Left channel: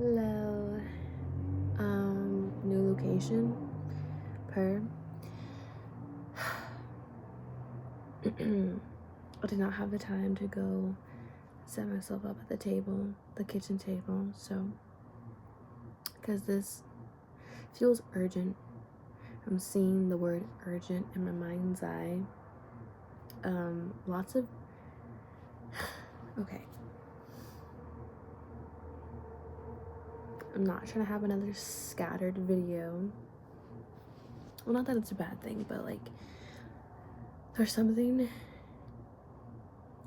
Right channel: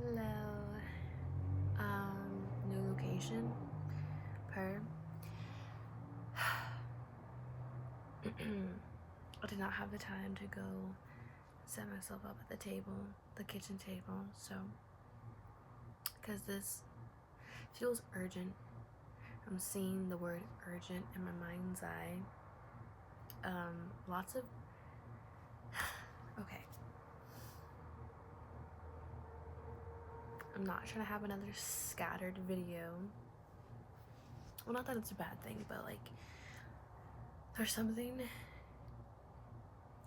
Hello. New location. Per. I did not have the time to go set myself up at the table, the kitchen table, so because this feels urgent. I'm seeing the word urgent in my mind's eye. Lots of okay. I'm not trying to have another scattered video. Well, not that it's a bad thing, but like there's something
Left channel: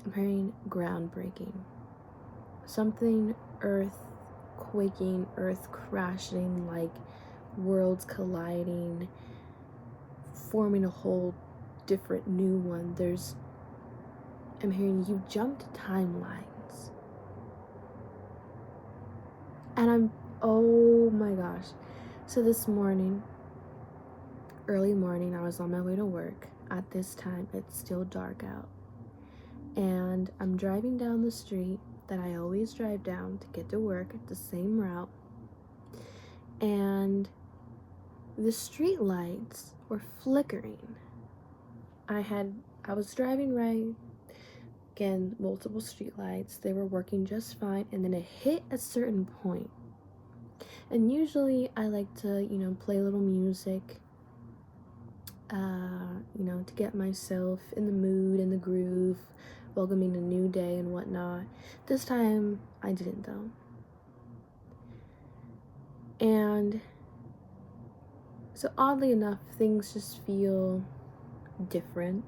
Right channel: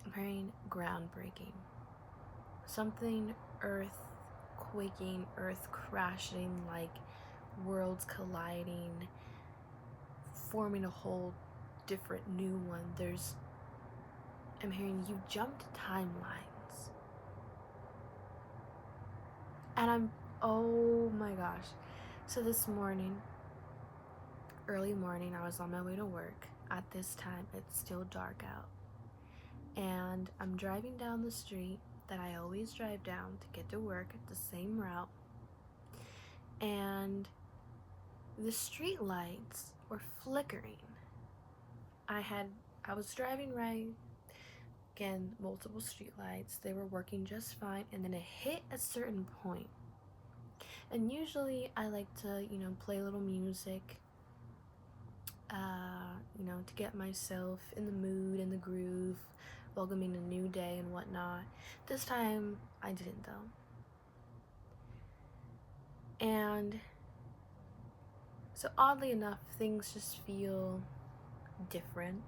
I'm hearing groundbreaking. Something earth quaking, earth crashing, like worlds colliding, forming a whole different new one. I'm hearing you jumped timelines. And oh my gosh. So this morning, early morning, I was on my way to work. At this time, it's still dark out. And I'm driving down the street that I always drive down to get to work, the same route. And the street lights were flickering. I was driving right, again, multiple street lights, they were working just fine, and then it hit a certain point. And usually I like to, play a little music, to get myself in the mood, in the groove, welcoming a new day and whatnot. This time I didn't though. And so oddly enough, things just feel different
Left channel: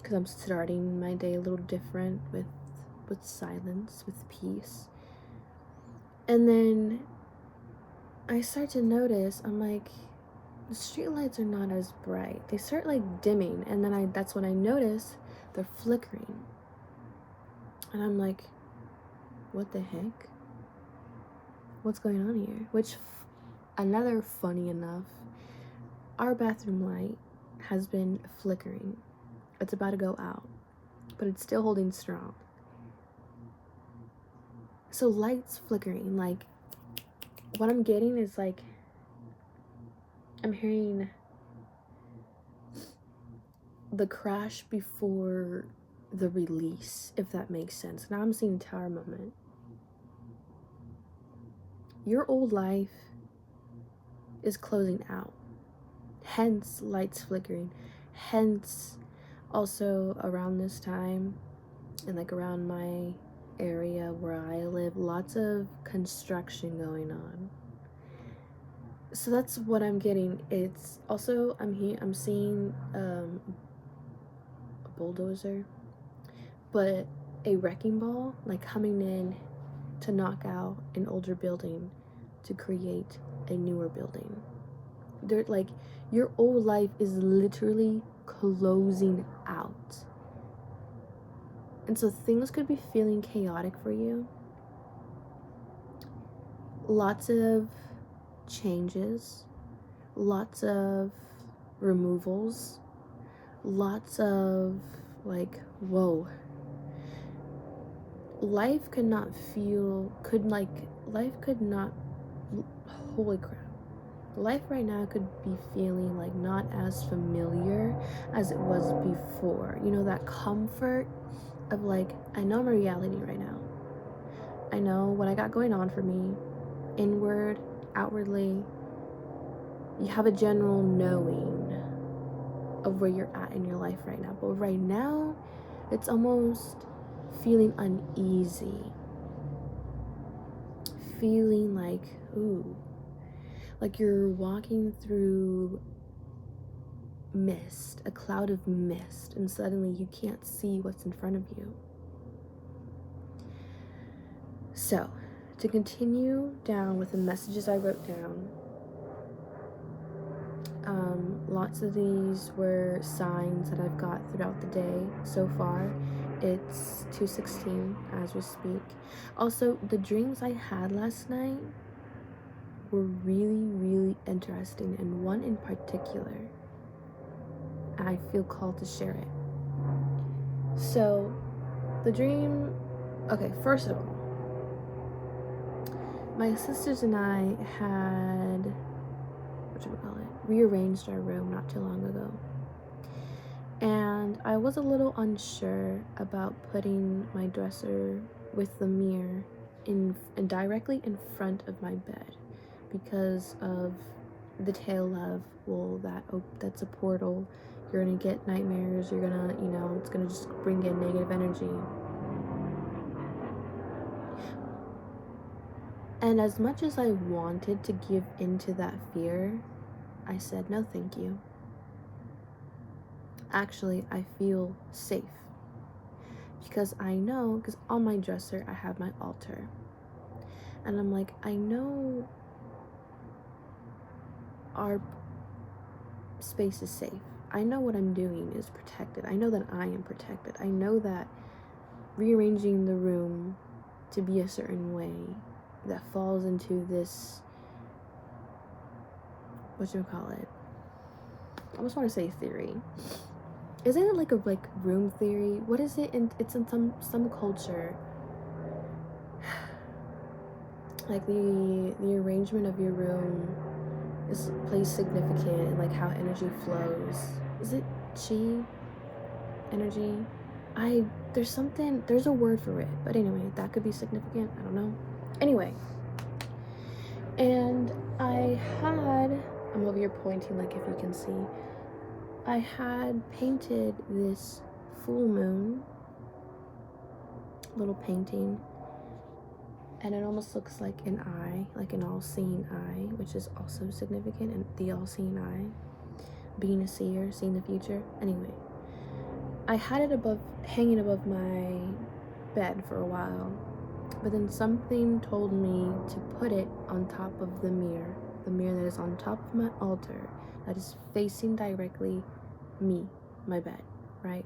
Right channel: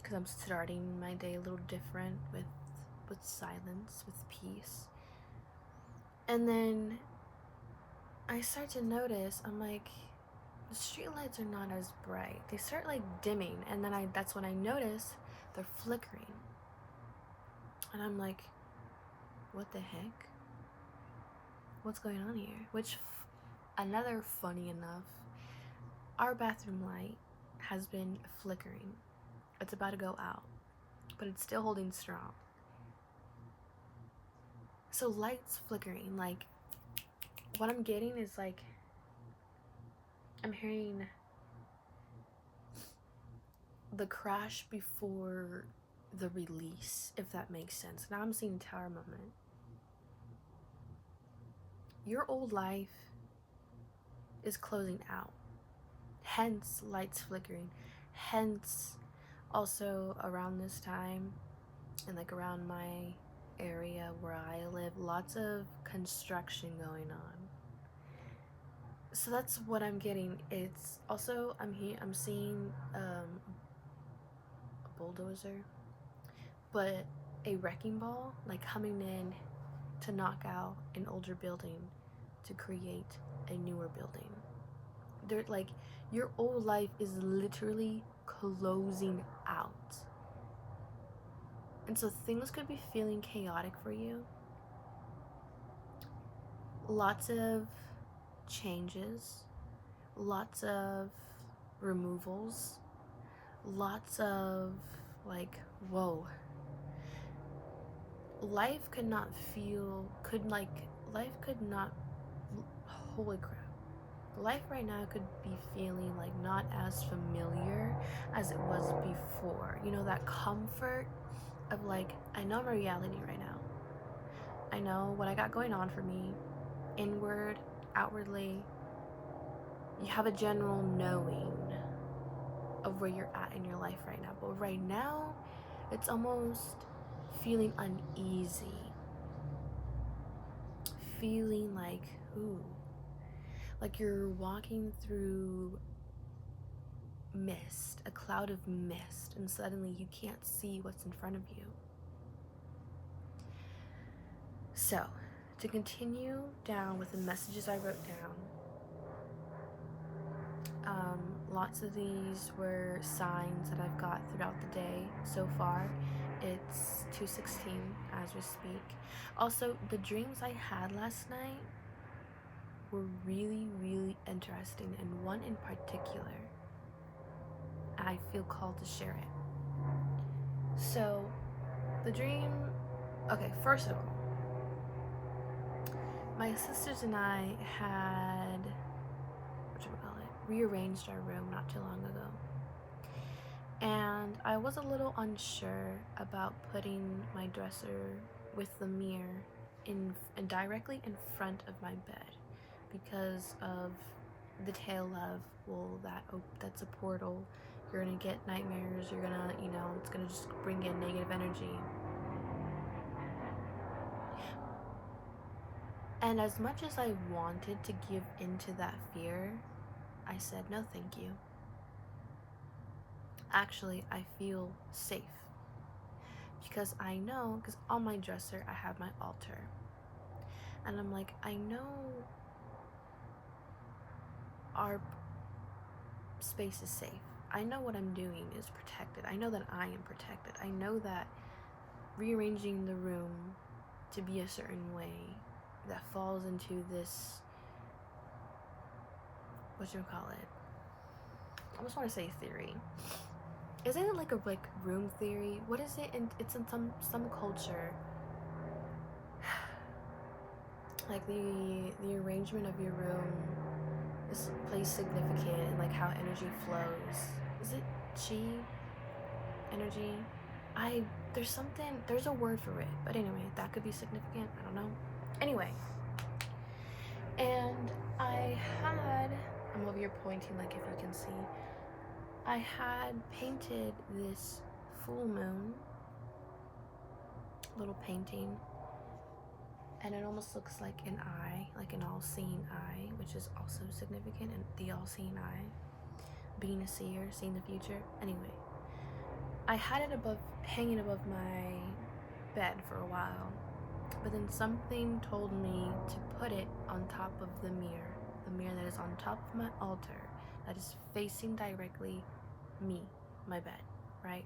because I'm starting my day a little different with silence, with peace. And then I start to notice, I'm like, the street lights are not as bright. They start like dimming, and then that's when I notice they're flickering. And I'm like, what the heck? What's going on here? Which, another funny enough, our bathroom light has been flickering. It's about to go out, but it's still holding strong. So lights flickering, like, what I'm getting is like, I'm hearing the crash before the release, if that makes sense. Now I'm seeing tower moment. Your old life is closing out, hence lights flickering, hence also around this time and like around my area where I live, lots of construction going on. So that's what I'm getting. It's also, I'm seeing a bulldozer, but a wrecking ball, like coming in to knock out an older building to create a newer building. They're like, your old life is literally closing out. And so things could be feeling chaotic for you. Lots of changes, lots of removals, lots of like, whoa. Life could not, holy crap. Life right now could be feeling like not as familiar as it was before. You know, that comfort of like, I know my reality right now. I know what I got going on for me, inward, outwardly. You have a general knowing of where you're at in your life right now. But right now, it's almost feeling uneasy. Feeling like, ooh, like you're walking through mist, a cloud of mist, and suddenly you can't see what's in front of you. So, to continue down with the messages I wrote down, lots of these were signs that I've got throughout the day so far. It's 2:16 as we speak. Also, the dreams I had last night were really, really interesting, and one in particular, I feel called to share it. So, the dream, okay, first of all, my sisters and I had, rearranged our room not too long ago. And I was a little unsure about putting my dresser with the mirror directly in front of my bed because of the tale of, well, that's a portal. You're gonna get nightmares. You're gonna, it's gonna just bring in negative energy. And as much as I wanted to give into that fear, I said, no, thank you. Actually, I feel safe because I know, because on my dresser I have my altar, and I'm like, I know our space is safe. I know what I'm doing is protected. I know that I am protected. I know that rearranging the room to be a certain way that falls into this, I almost want to say theory. Isn't it like a room theory? What is it? It's in some culture. Like the arrangement of your room plays significant in like how energy flows. Is it chi energy? There's a word for it, but anyway, that could be significant. I don't know. Anyway, and I'm over here pointing, like, if you can see, I had painted this full moon little painting, and it almost looks like an eye, like an all-seeing eye, which is also significant, and the all-seeing eye, being a seer, seeing the future. Anyway, I had it hanging above my bed for a while, but then something told me to put it on top of the mirror that is on top of my altar, that is facing directly me, my bed, right?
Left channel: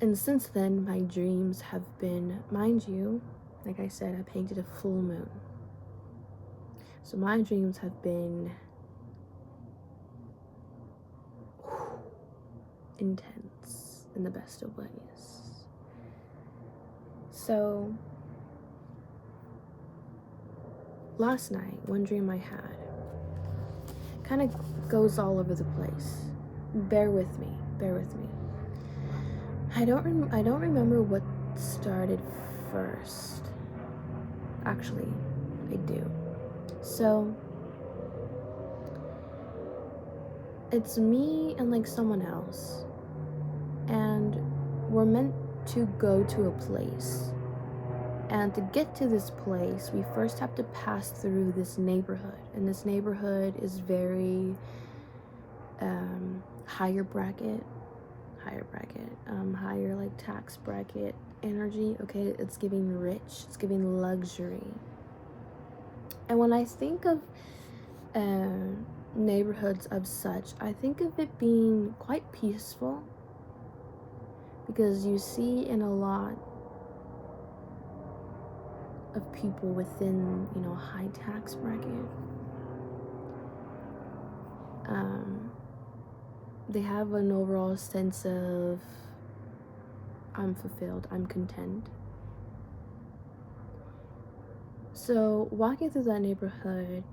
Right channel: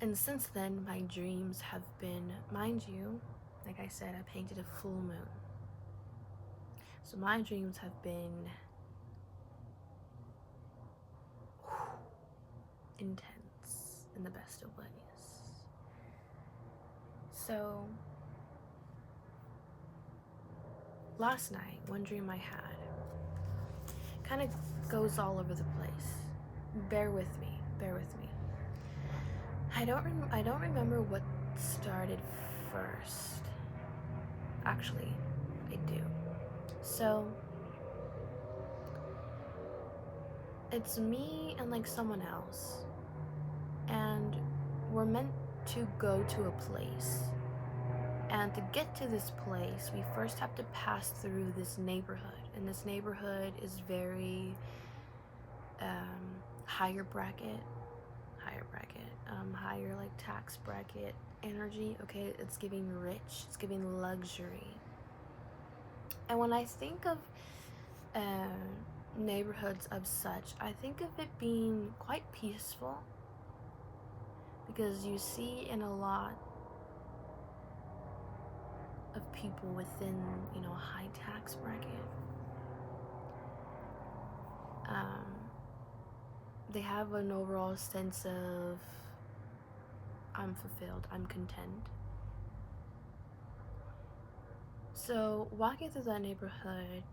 And since then, my dreams have been, mind you, like I said, I painted a full moon. So my dreams have been intense in the best of ways. So last night, one dream I had kind of goes all over the place. Bear with me. I don't remember what started first. Actually, I do. So it's me and like someone else, and we're meant to go to a place. And to get to this place, we first have to pass through this neighborhood. And this neighborhood is very higher bracket, higher like tax bracket energy. Okay, it's giving rich, it's giving luxury. And when I think of neighborhoods of such, I think of it being quite peaceful, because you see in a lot of people within, high tax bracket, they have an overall sense of, I'm fulfilled, I'm content. So walking through that neighborhood,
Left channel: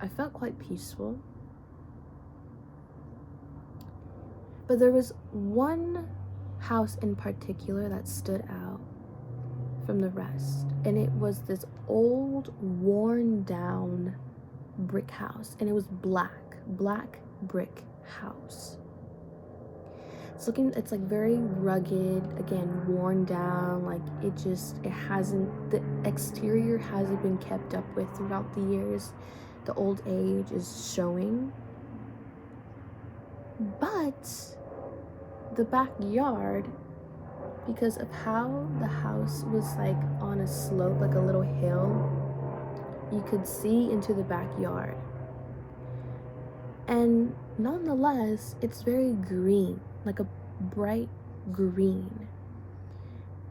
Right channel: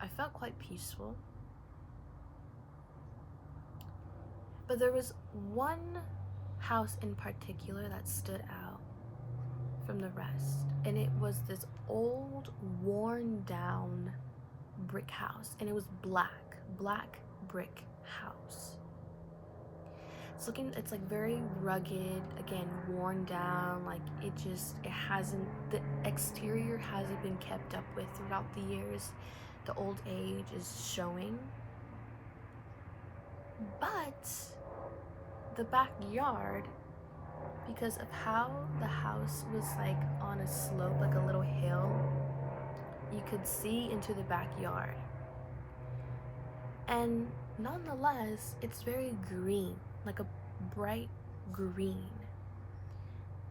I felt quite peaceful. But there was one house in particular that stood out from the rest, and it was this old, worn down brick house, and it was black brick house. It's like very rugged, again, worn down, like the exterior hasn't been kept up with throughout the years. The old age is showing. But the backyard, because of how the house was like on a slope, like a little hill, you could see into the backyard. And nonetheless, it's very green, like a bright green.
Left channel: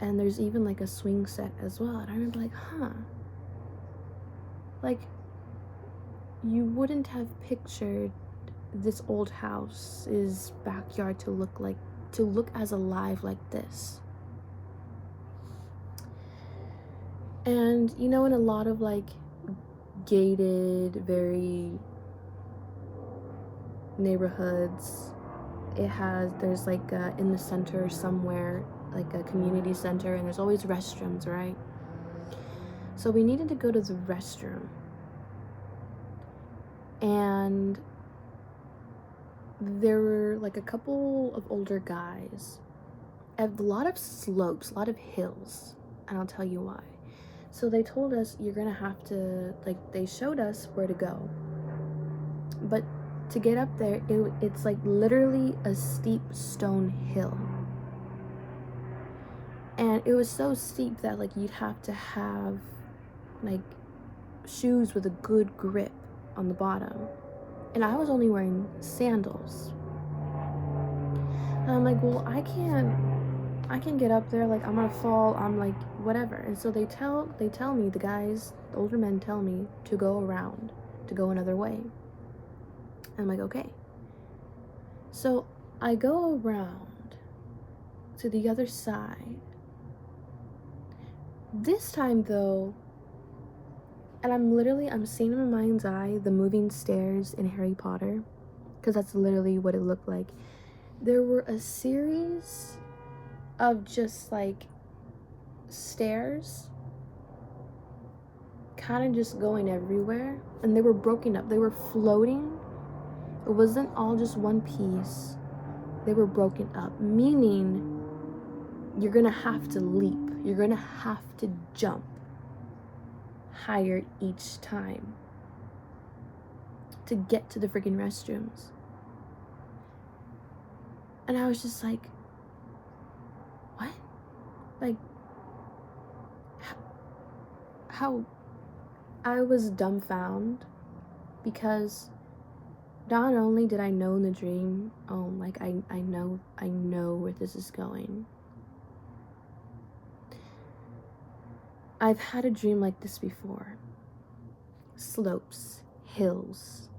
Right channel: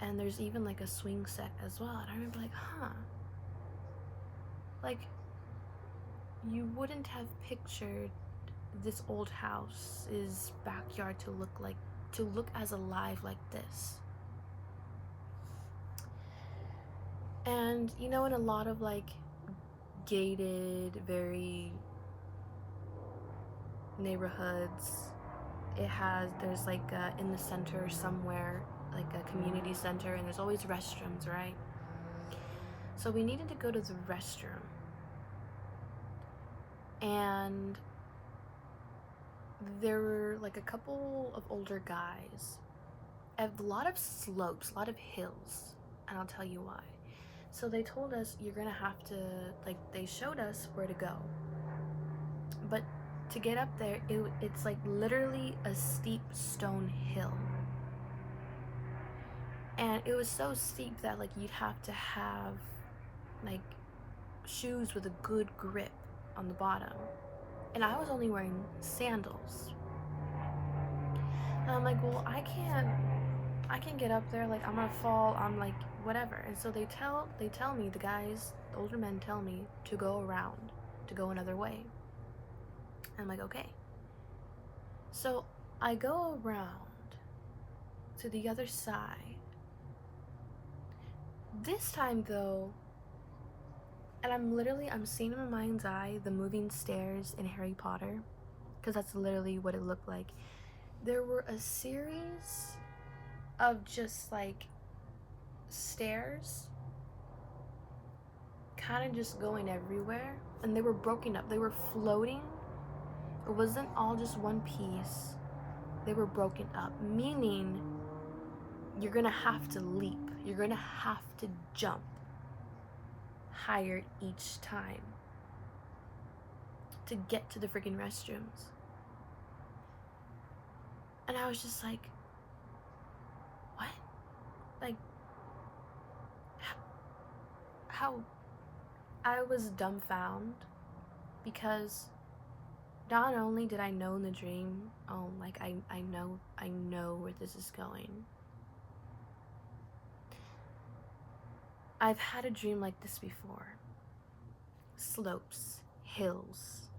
And there's even like a swing set as well. And I remember like, like, you wouldn't have pictured this old house's backyard to look as alive like this. And you know, in a lot of like gated, very neighborhoods, there's like in the center somewhere, like a community center, and there's always restrooms, right? So we needed to go to the restroom, and there were like a couple of older guys, a lot of slopes, a lot of hills, and I'll tell you why. So they told us, you're gonna have to, like, they showed us where to go, but to get up there, it's like literally a steep stone hill, and it was so steep that like you'd have to have like shoes with a good grip on the bottom, and I was only wearing sandals. And I'm like, well, I can get up there, like I'm gonna fall, I'm like whatever. And so they tell me, the guys, the older men tell me to go around, to go another way. I'm like, okay. So I go around to the other side. This time though, and I'm seeing in my mind's eye the moving stairs in Harry Potter, because that's literally what it looked like. There were a series of just like stairs kind of just going everywhere, and they were broken up, they were floating. It wasn't all just one piece, they were broken up, meaning you're gonna have to leap, you're gonna have to jump higher each time to get to the freaking restrooms. And I was just like, what? Like, how? I was dumbfounded, because not only did I know in the dream, oh, like I know where this is going. I've had a dream like this before. Slopes, hills,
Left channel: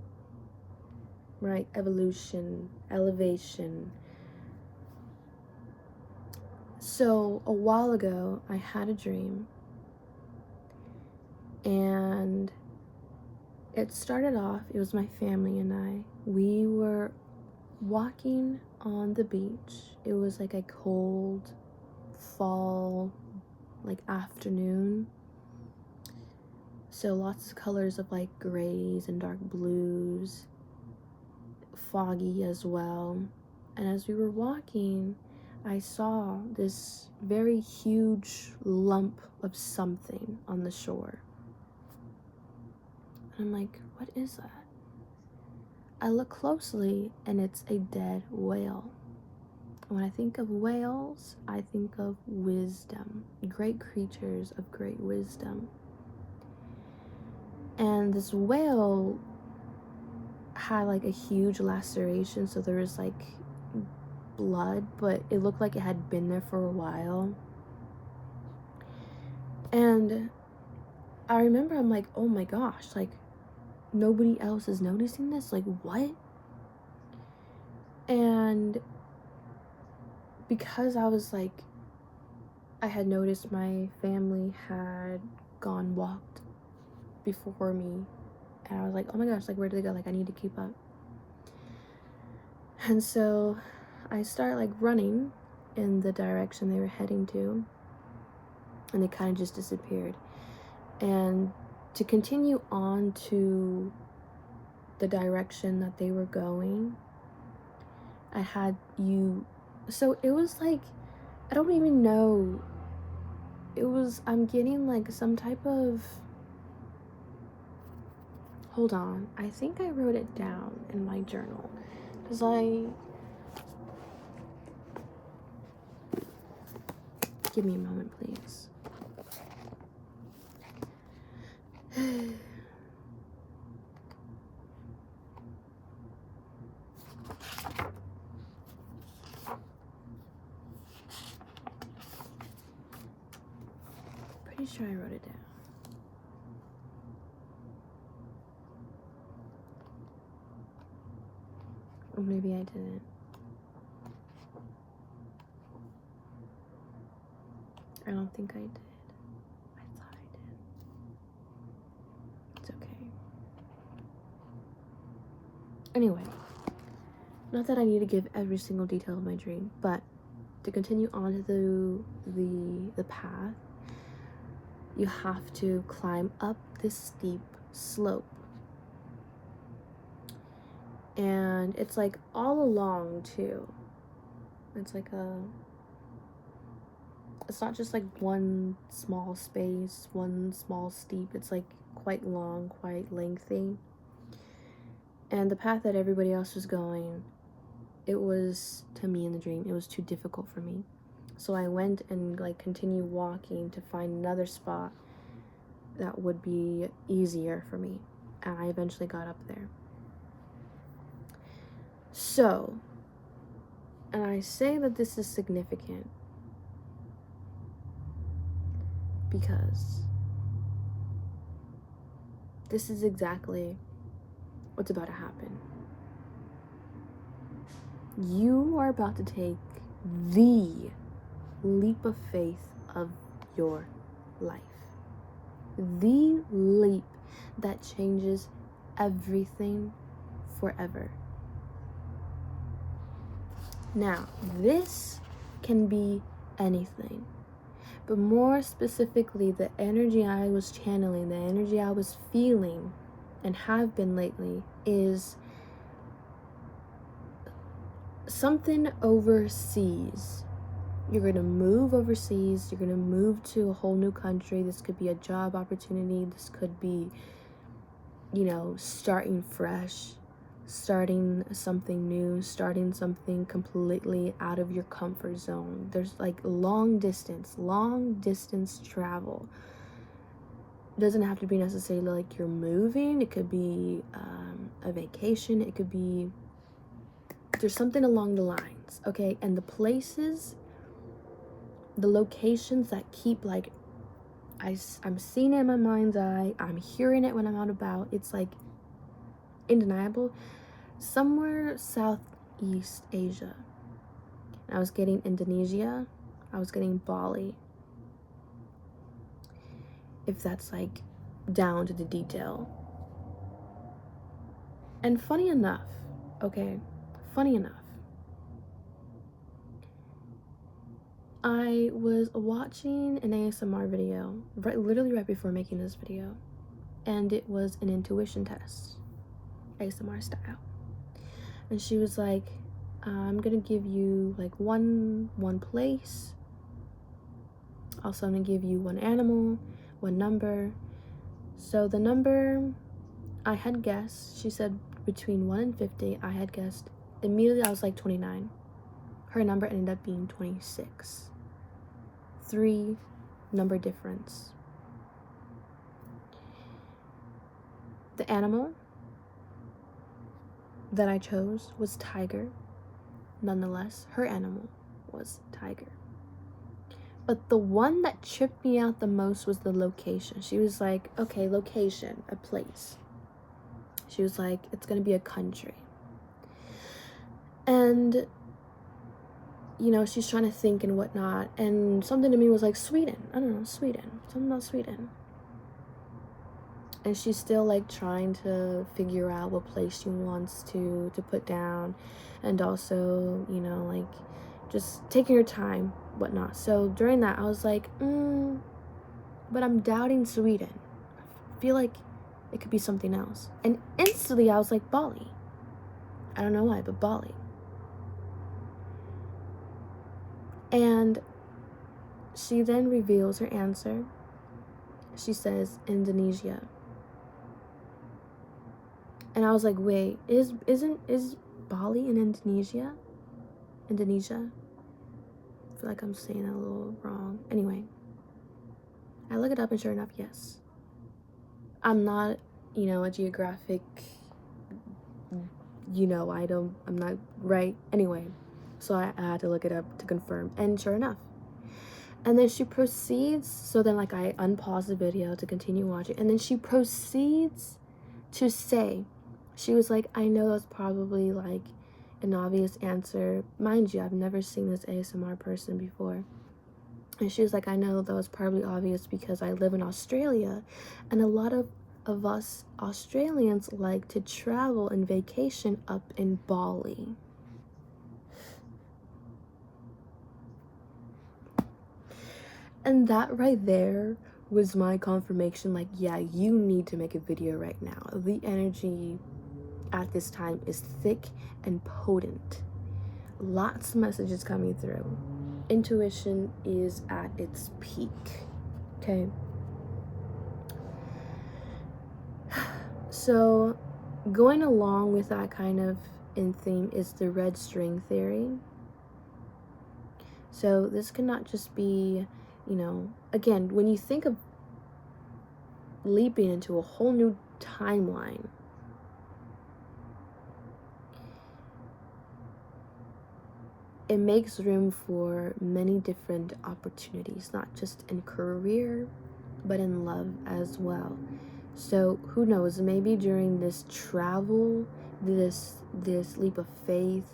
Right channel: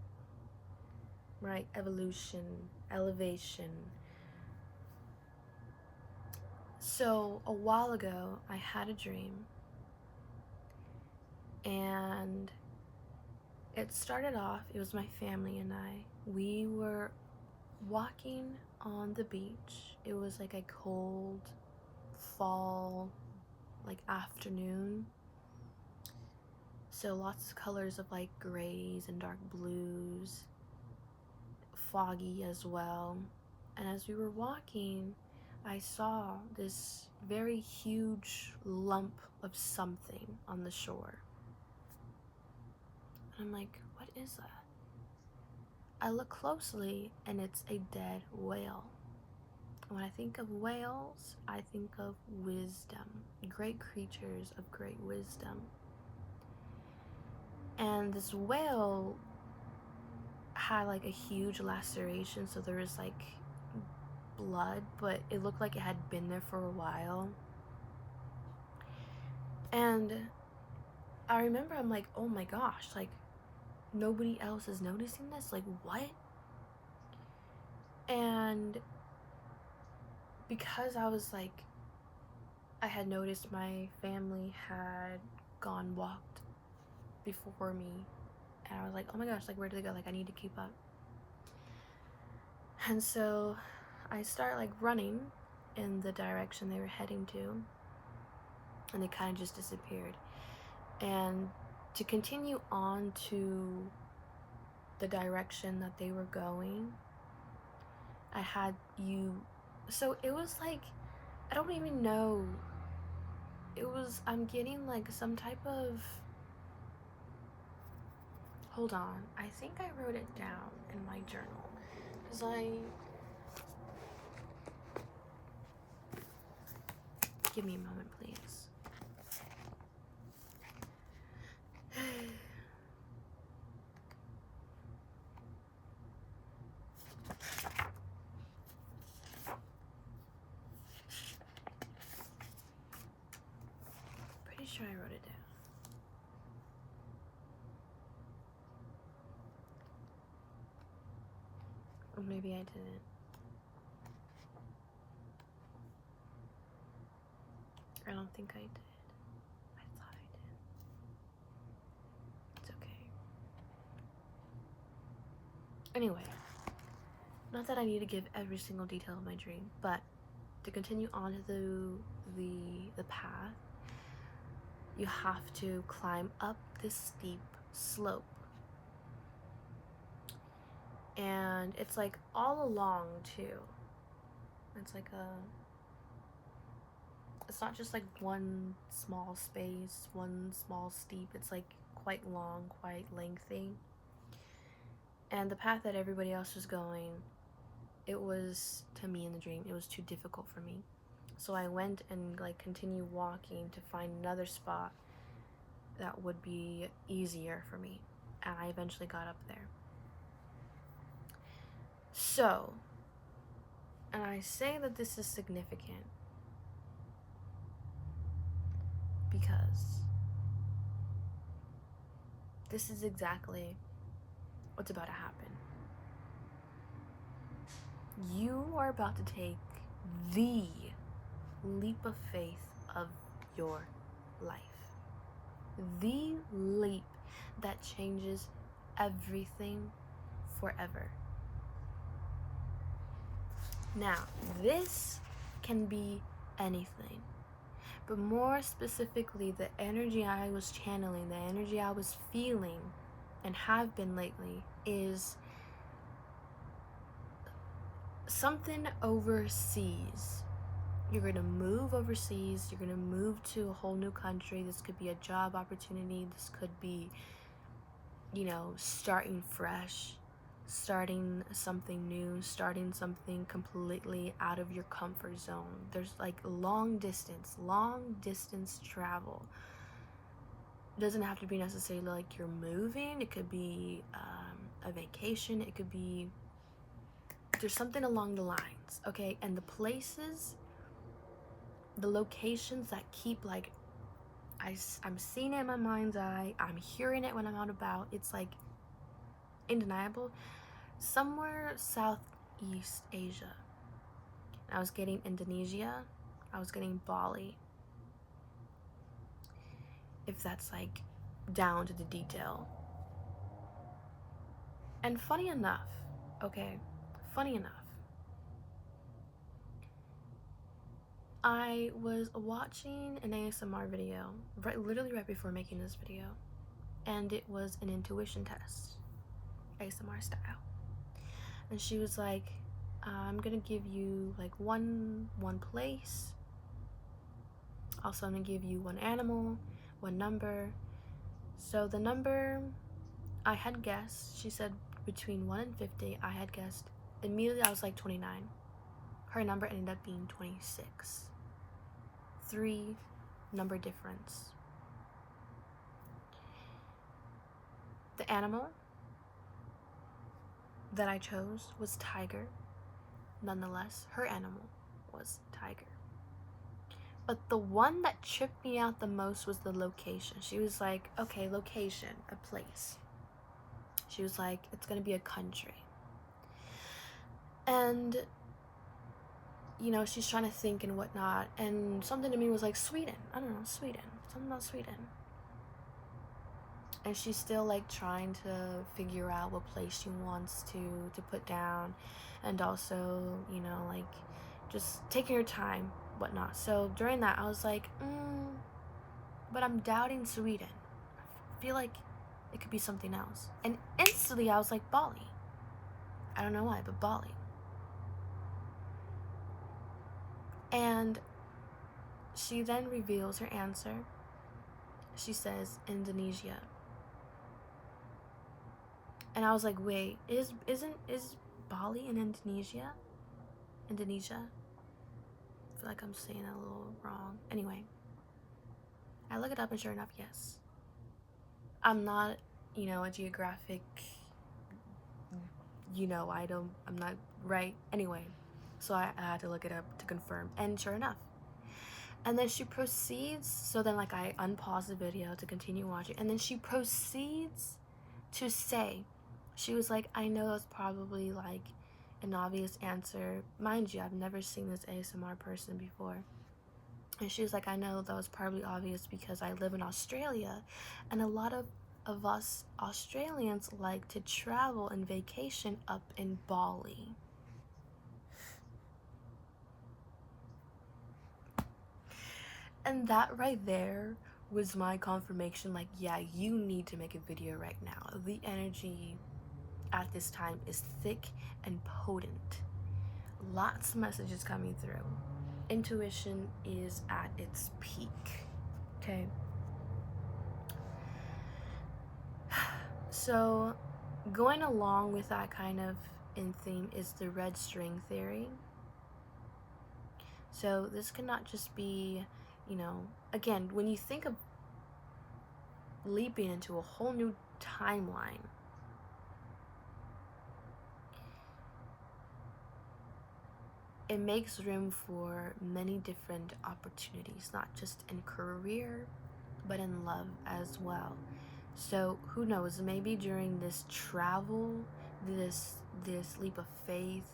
right? Evolution, elevation. So a while ago, I had a dream, and it started off, it was my family and I. We were walking on the beach. It was like a cold fall, like afternoon. So lots of colors of like grays and dark blues, foggy as well. And as we were walking, I saw this very huge lump of something on the shore. And I'm like, what is that? I look closely, and it's a dead whale. When I think of whales, I think of wisdom, great creatures of great wisdom. And this whale had like a huge laceration, so there was like blood, but it looked like it had been there for a while. And I remember, I'm like, oh my gosh, like nobody else is noticing this? Like, what? And because I was like, I had noticed my family had walked before me, and I was like, oh my gosh, like where did they go? Like I need to keep up. And so I start like running in the direction they were heading to, and they kind of just disappeared. And to continue on to the direction that they were going, so it was like, I don't even know, I'm getting like some type of, hold on, I think I wrote it down in my journal, because give me a moment, please. Pretty sure I wrote it down. Or maybe I didn't. I don't think I did. I thought I did. Anyway, not that I need to give every single detail of my dream, but to continue on to the path, you have to climb up this steep slope. And it's like all along too. It's like it's not just like one small space, one small steep. It's like quite long, quite lengthy. And the path that everybody else was going, it was, to me in the dream, it was too difficult for me. So I went and like continued walking to find another spot that would be easier for me. And I eventually got up there. So, and I say that this is significant because this is exactly what's about to happen. You are about to take the leap of faith of your life. The leap that changes everything forever. Now, this can be anything, but more specifically, the energy I was channeling, the energy I was feeling and have been lately is something overseas. You're going to move overseas. You're going to move to a whole new country. This could be a job opportunity. This could be, starting fresh, starting something new, starting something completely out of your comfort zone. There's like long distance travel. It doesn't have to be necessarily like you're moving. It could be a vacation. It could be, there's something along the lines, okay? And the places, the locations that keep like, I'm seeing it in my mind's eye, I'm hearing it when I'm out about, it's like undeniable. Somewhere Southeast Asia. I was getting Indonesia, I was getting Bali, if that's like down to the detail. And funny enough, I was watching an ASMR video literally right before making this video, and it was an intuition test, ASMR style. And she was like, I'm gonna give you like one place. Also, I'm gonna give you one animal, one number. So the number I had guessed, she said between 1 and 50, I had guessed. Immediately I was like 29. Her number ended up being 26. 3 number difference. The animal that I chose was tiger. Nonetheless, her animal was tiger. But the one that tripped me out the most was the location. She was like, okay, location, a place. She was like, it's gonna be a country. And, she's trying to think and whatnot. And something to me was like, Sweden. I don't know, Sweden. Something about Sweden. And she's still like trying to figure out what place she wants to put down. And also, like just taking her time, whatnot. So during that, I was like, but I'm doubting Sweden. I feel like it could be something else. And instantly I was like, Bali. I don't know why, but Bali. And she then reveals her answer. She says Indonesia. And I was like, wait, is Bali in Indonesia? Indonesia? I feel like I'm saying that a little wrong. Anyway, I look it up and sure enough, yes. I'm not, a geographic, I'm not right. Anyway, so I had to look it up to confirm, and sure enough. And then she proceeds, so then like I unpause the video to continue watching, and then she proceeds to say, she was like, I know that's probably like an obvious answer. Mind you, I've never seen this ASMR person before. And she was like, I know that was probably obvious because I live in Australia, and a lot of of us Australians like to travel and vacation up in Bali. And that right there was my confirmation, like, yeah, you need to make a video right now. The energy at this time is thick and potent. Lots of messages coming through. Intuition is at its peak. Okay. So, going along with that kind of in theme is the red string theory. So, this cannot just be, again, when you think of leaping into a whole new timeline, it makes room for many different opportunities, not just in career, but in love as well. So who knows, maybe during this travel, this leap of faith,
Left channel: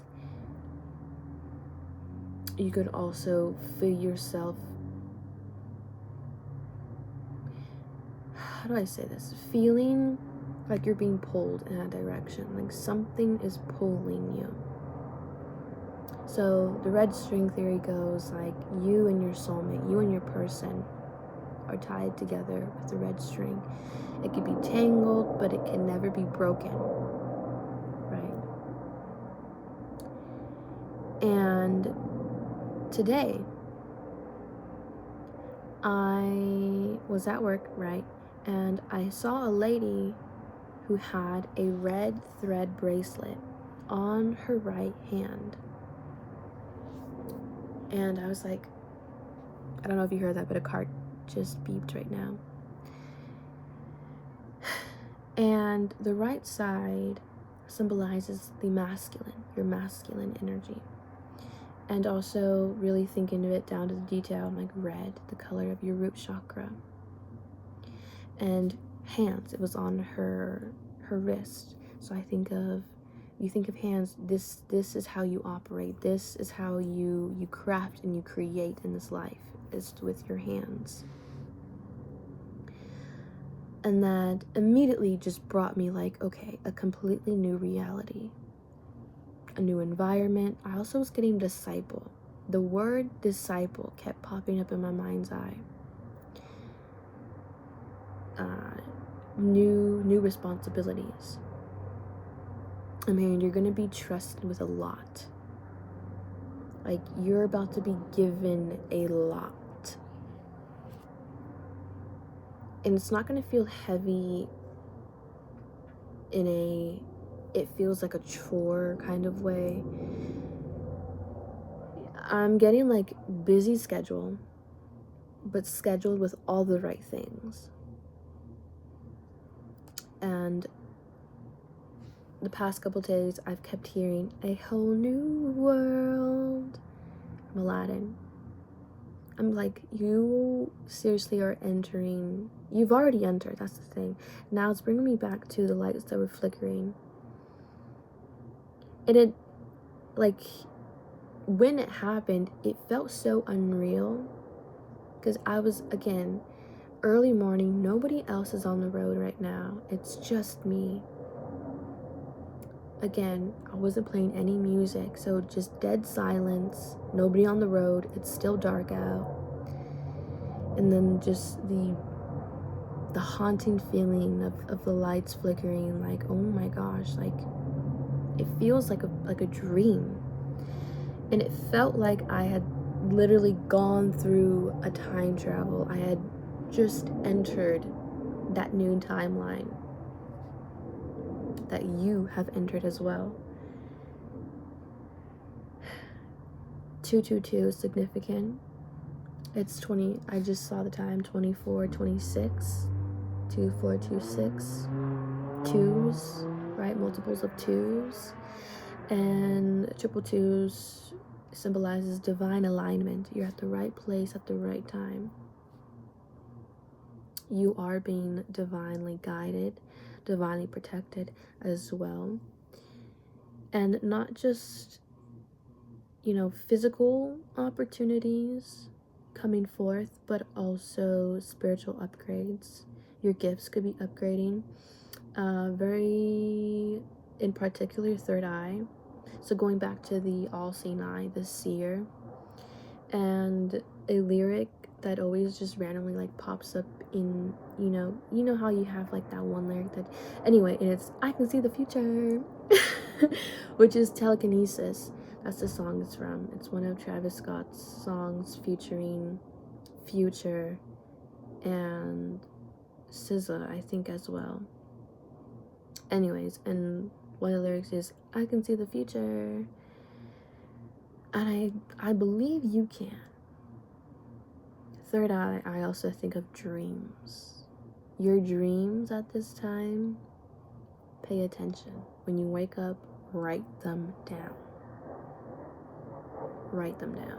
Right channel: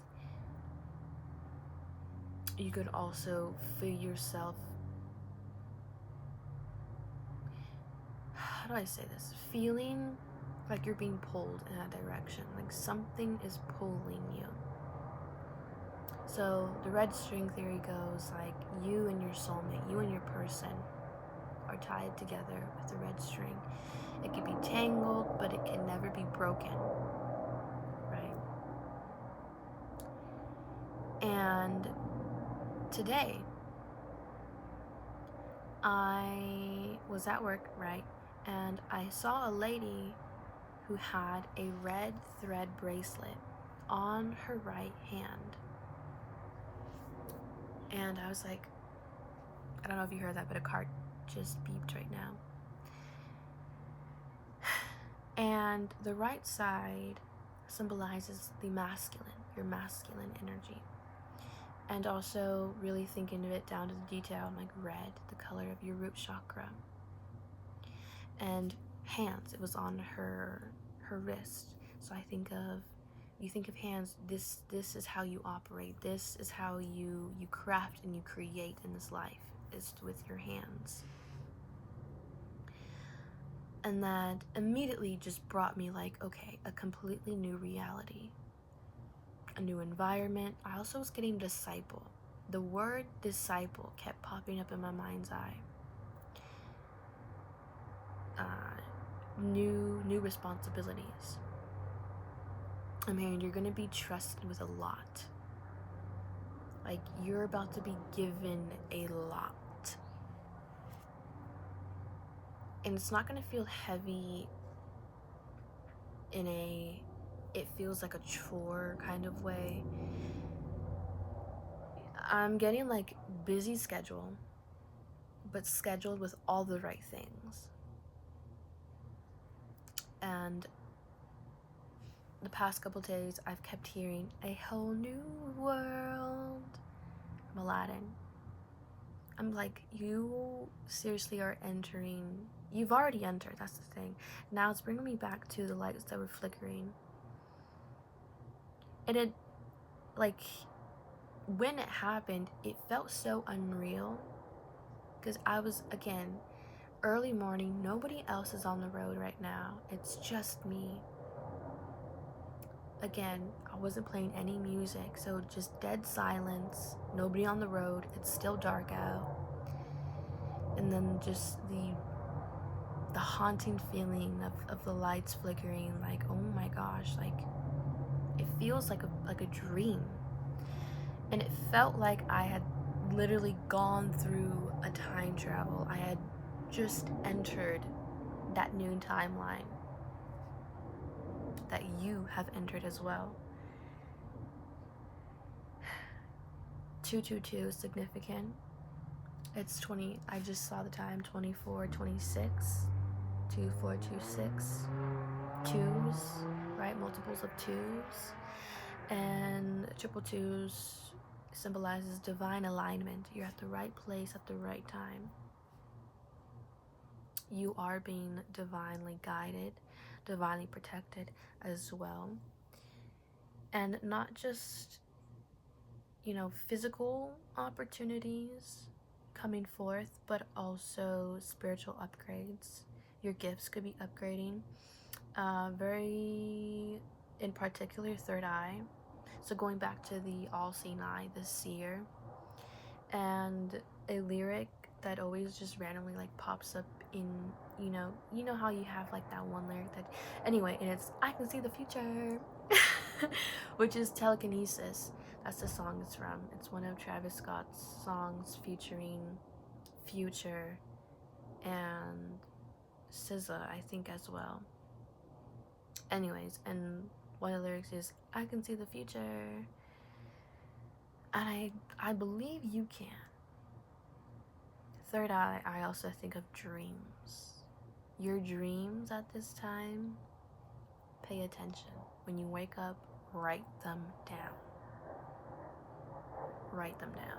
you could also feel yourself, how do I say this, feeling like you're being pulled in a direction, like something is pulling you. So the red string theory goes like you and your soulmate, you and your person are tied together with the red string. It could be tangled, but it can never be broken, right? And today, I was at work, right? And I saw a lady who had a red thread bracelet on her right hand. And I was like, I don't know if you heard that, but a car just beeped right now. And the right side symbolizes the masculine, your masculine energy. And also really thinking of it down to the detail, like red, the color of your root chakra. And hands, it was on her wrist. So you think of hands, this is how you operate. This is how you craft and you create in this life, is with your hands. And that immediately just brought me like, okay, a completely new reality, a new environment. I also was getting disciple. The word disciple kept popping up in my mind's eye. New responsibilities. I mean, you're gonna be trusted with a lot. Like, you're about to be given a lot. And it's not gonna feel heavy it feels like a chore kind of way. I'm getting like busy schedule, but scheduled with all the right things. And the past couple days, I've kept hearing a whole new world from Aladdin. I'm like, you seriously are entering. You've already entered, that's the thing. Now it's bringing me back to the lights that were flickering. And it, like, when it happened, it felt so unreal. Because I was, again, early morning, nobody else is on the road right now. It's just me. Again, I wasn't playing any music, so just dead silence, nobody on the road, it's still dark out. And then just the haunting feeling of the lights flickering, like, oh my gosh, like, it feels like a dream. And it felt like I had literally gone through a time travel. I had just entered that new timeline that you have entered as well. 222 is significant. It's 20, I just saw the time, 2426, 2426, twos, right? Multiples of twos. And triple twos symbolizes divine alignment. You're at the right place at the right time. You are being divinely guided, divinely protected as well. And not just, physical opportunities coming forth, but also spiritual upgrades. Your gifts could be upgrading. Very in particular, third eye. So going back to the all-seeing eye, the seer, and a lyric that always just randomly like pops up in, you know how you have like that one lyric that, anyway, and it's I can see the future, which is Telekinesis. That's the song it's from. It's one of Travis Scott's songs featuring Future and SZA, I think, as well. Anyways, and one of the lyrics is I can see the future, and I believe you can. Third eye, I also think of dreams. Your dreams at this time, pay attention. When you wake up, write them down. Write them down.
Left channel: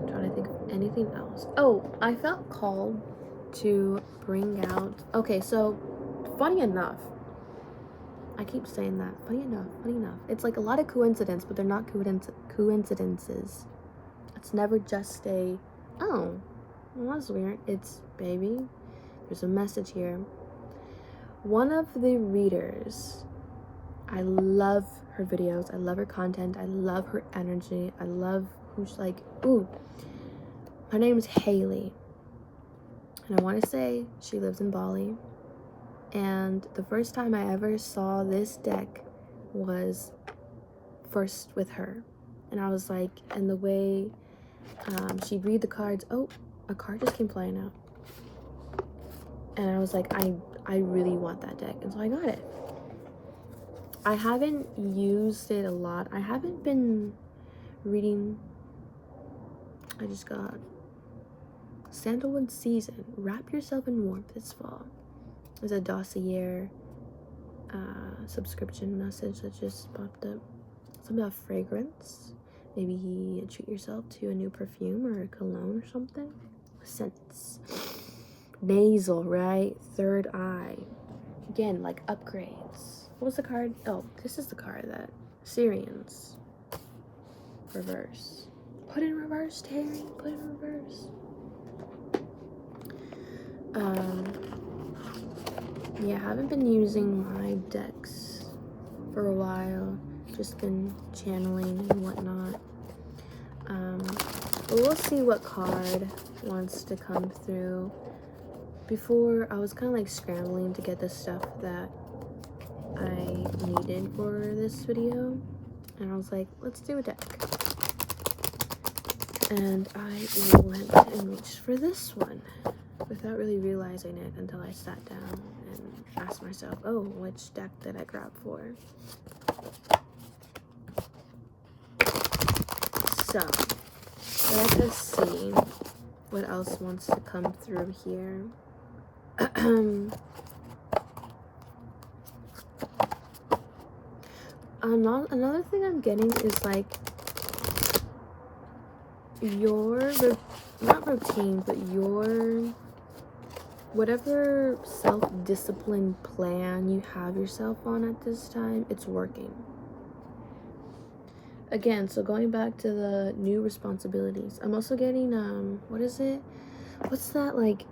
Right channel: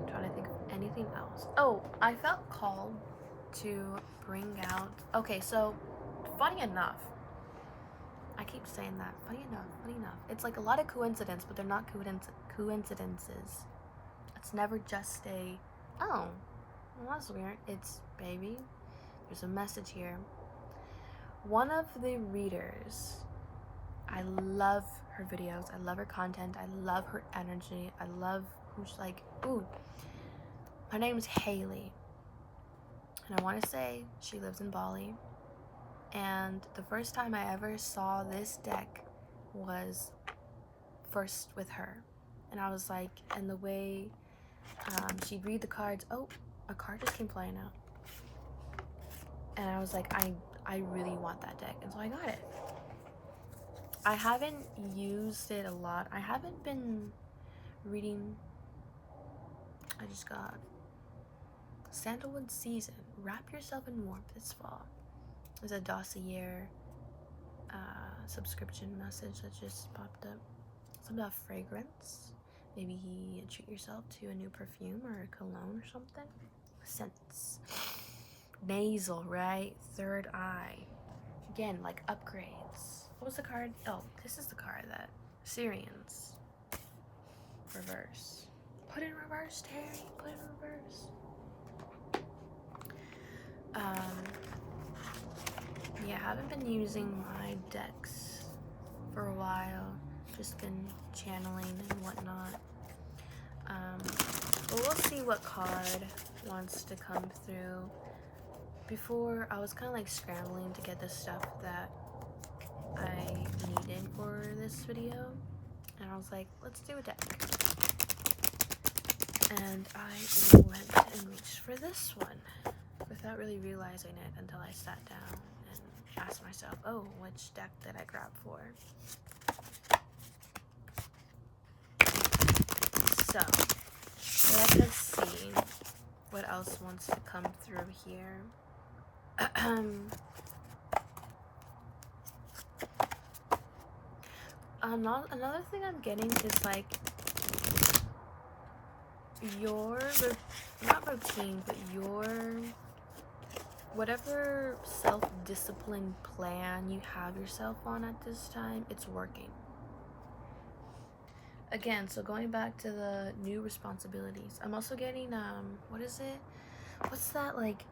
I'm trying to think of anything else. Oh, I felt called to bring out, okay, so funny enough, I keep saying that, funny enough, it's like a lot of coincidence, but they're not coincidences. It's never just a, oh, well, that's weird. It's, baby, there's a message here. One of the readers, I love her videos, I love her content, I love her energy, I love who she's like, ooh, her name is Haley, and I want to say she lives in Bali. And the first time I ever saw this deck was first with her, and I was like, and the way she'd read the cards, oh, a card just came flying out, and I was like, I really want that deck, and so I got it. I haven't used it a lot. I haven't been reading. I just got Sandalwood Season, Wrap Yourself in Warmth this fall. There's a dossier subscription message that just popped up. Something about fragrance. Maybe treat yourself to a new perfume or a cologne or something. Scents. Nasal, right? Third eye. Again, like upgrades. What was the card? Oh, this is the card that Syrians. Reverse. Put in reverse, Terry. Put in reverse. Yeah, I haven't been using my decks for a while. Just been channeling and whatnot. But we'll see what card wants to come through. Before, I was kind of like scrambling to get the stuff that I needed for this video. And I was like, let's do a deck. And I went and reached for this one without really realizing it until I sat down and asked myself, oh, which deck did I grab for? So, let us see what else wants to come through here. Another thing I'm getting is like your, not routine, but your, whatever self-discipline plan you have yourself on at this time, it's working. Again, so going back to the new responsibilities, I'm also getting, what is it? What's that, like,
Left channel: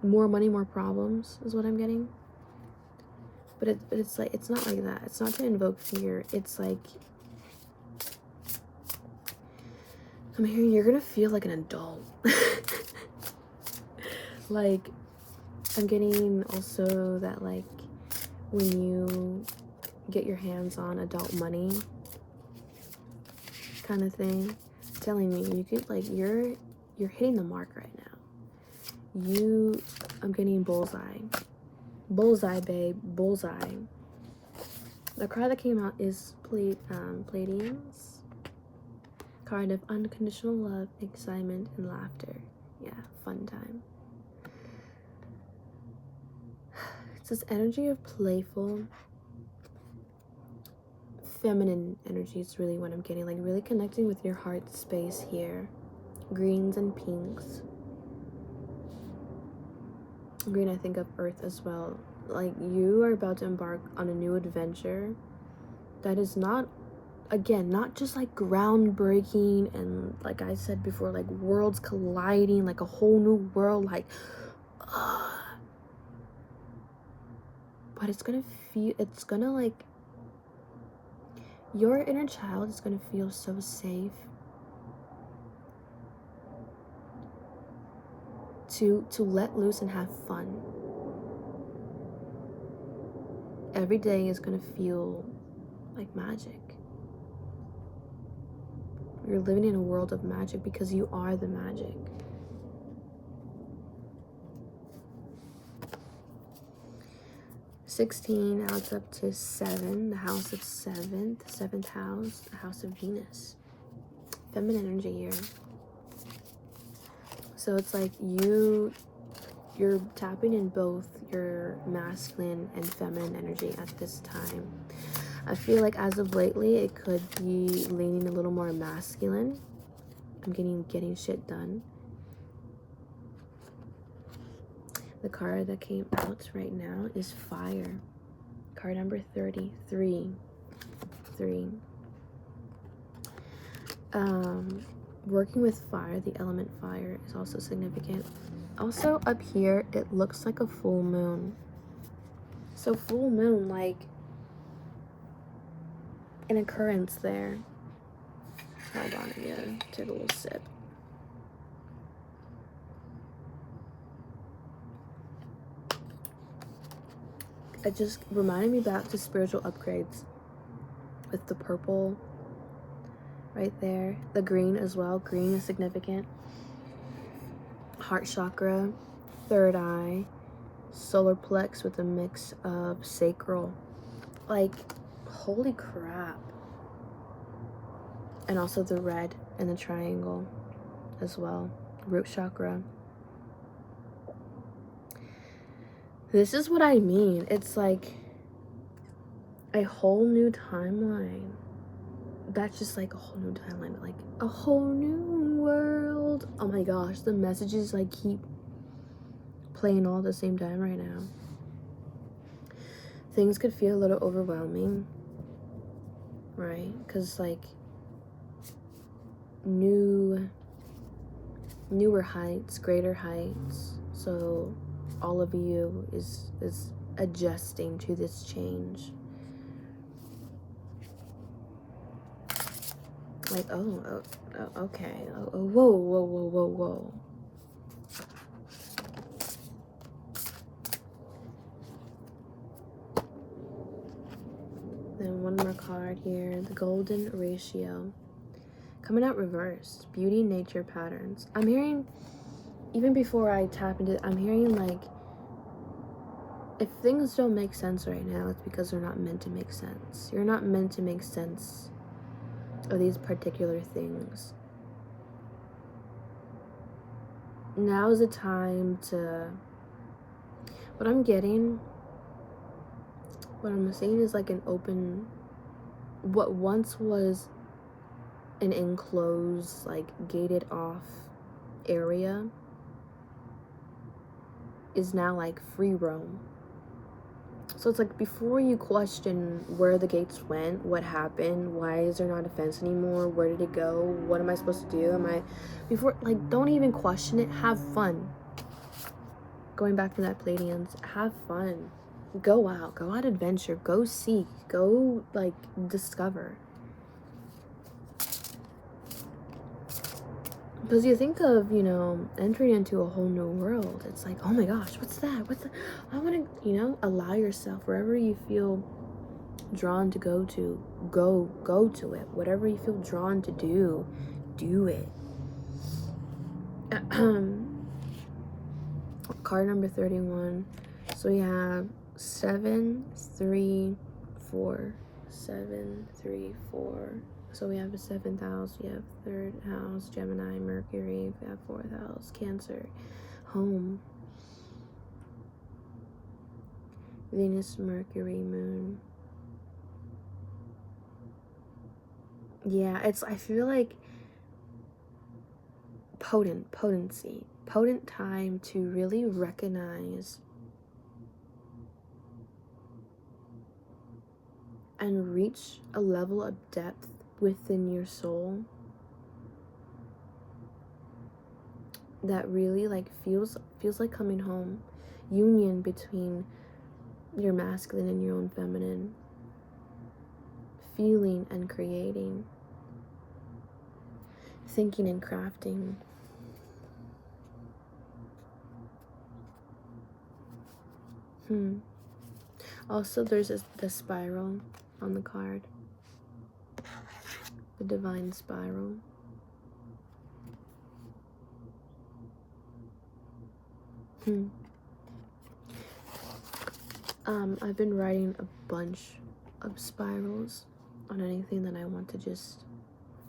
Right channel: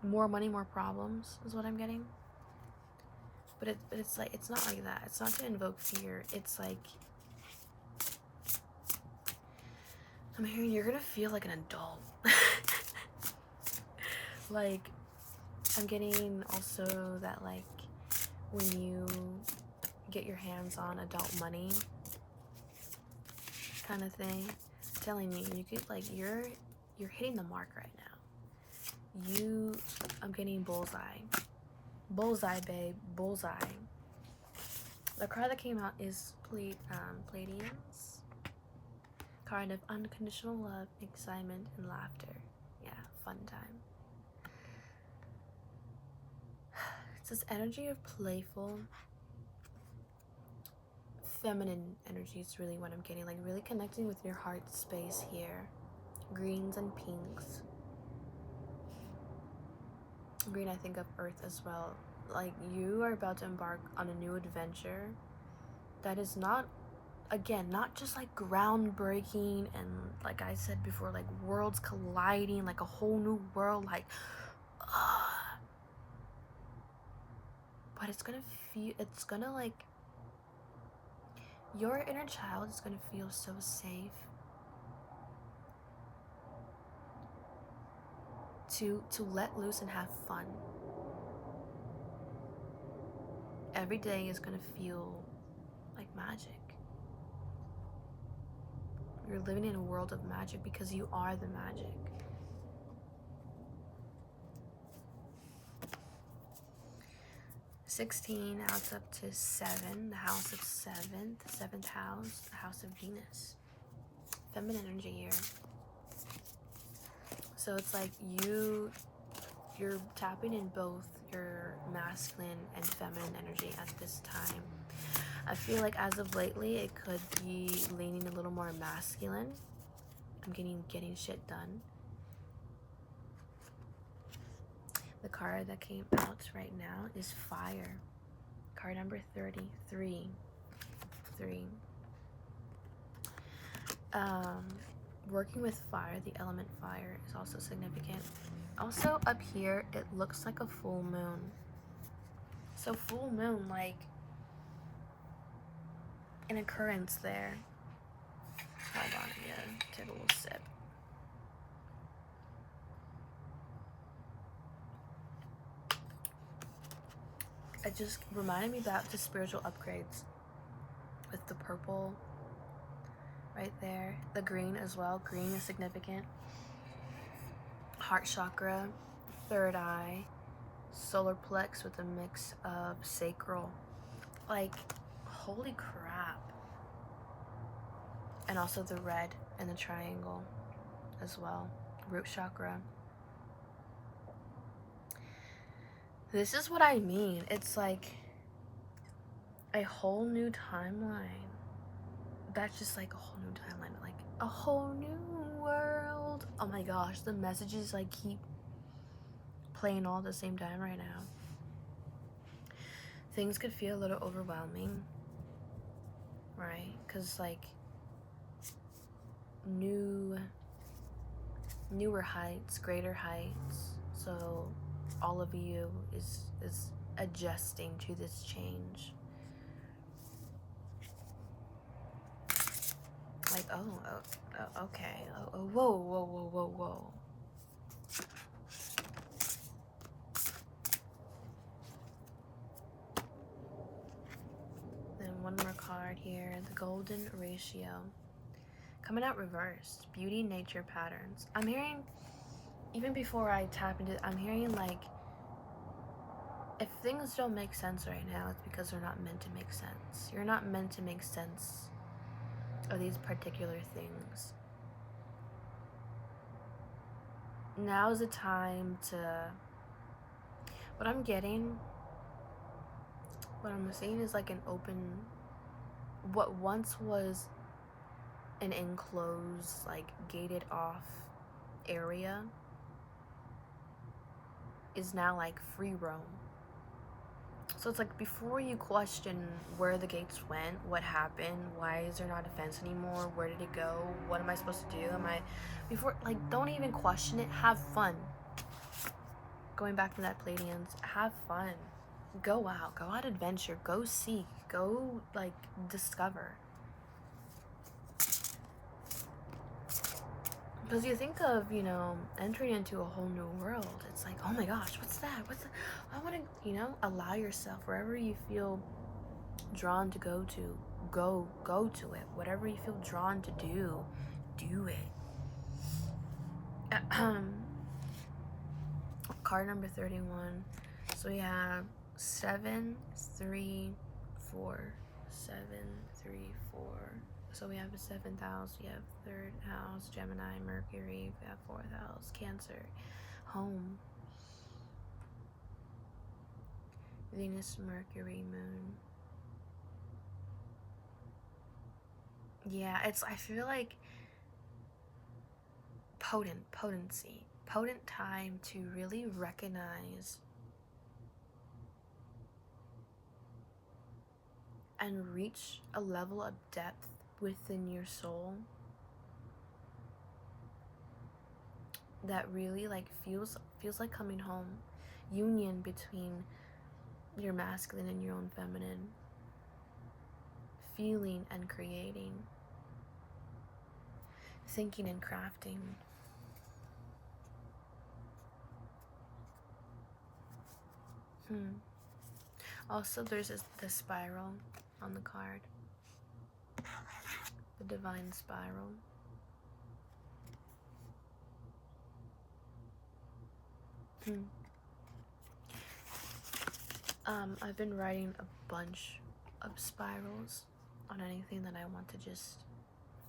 more money, more problems is what I'm getting. But it's like, it's not like that. It's not to invoke fear. It's like, I'm hearing you're gonna feel like an adult. Like, I'm getting also that, like, when you get your hands on adult money kind of thing, telling me you could, like, you're hitting the mark right now. I'm getting bullseye. Bullseye, babe. Bullseye. The card that came out is Pleiadians. Card of unconditional love, excitement, and laughter. Yeah, fun time. It's this energy of playful, feminine energy is really what I'm getting. Like, really connecting with your heart space here. Greens and pinks. green, I think of earth as well. Like, you are about to embark on a new adventure that is not, again, not just like groundbreaking and, like I said before, like worlds colliding, like a whole new world, like but it's gonna like, your inner child is gonna feel so safe to let loose and have fun. Every day is gonna feel like magic. You're living in a world of magic because you are the magic. $16 adds up to 7, the house of 7, the 7th house, the house of Venus. Feminine energy here. So it's like you're tapping in both your masculine and feminine energy at this time. I feel like as of lately, it could be leaning a little more masculine. I'm getting shit done. The card that came out right now is Fire. Card number 33. 3. Working with fire, the element fire is also significant. Also up here, it looks like a full moon. So full moon, like an occurrence there. Hold on again, take a little sip. It just reminded me back to spiritual upgrades with the purple right there. The green as well. Green is significant. Heart chakra, third eye, solar plex with a mix of sacral. Like, holy crap. And also the red and the triangle as well. Root chakra. This is what I mean. It's like a whole new timeline. That's just like a whole new timeline. Like a whole new world. Oh my gosh. The messages like keep playing all at the same time right now. Things could feel a little overwhelming. Right? Because like newer heights, greater heights. So all of you is adjusting to this change. Like, oh okay. Oh, whoa. Then one more card here, the golden ratio. Coming out reversed, beauty, nature, patterns. I'm hearing, even before I tap into it, I'm hearing like, if things don't make sense right now, it's because they're not meant to make sense. You're not meant to make sense of these particular things. Now is the time to, what I'm seeing is like an open, what once was an enclosed, like gated off area is now like free roam. So it's like, before you question where the gates went, what happened, why is there not a fence anymore, where did it go, what am I supposed to do, don't even question it, have fun. Going back to that Pleiadians, have fun. Go out adventure, go seek, go like discover. Because you think of, entering into a whole new world. It's like, oh my gosh, what's that? I want to, allow yourself wherever you feel drawn to go to. Go to it. Whatever you feel drawn to do it. Card number 31. So we have 7, 3, 4. 7, 3, 4. So we have the 7th house, we have 3rd house, Gemini, Mercury, we have 4th house, Cancer, home, Venus, Mercury, Moon. Yeah, I feel like potent time to really recognize and reach a level of depth within your soul that really like feels like coming home. Union between your masculine and your own feminine. Feeling and creating. Thinking and crafting. Also, there's the spiral on the card. The divine spiral. I've been writing a bunch of spirals on anything that I want to just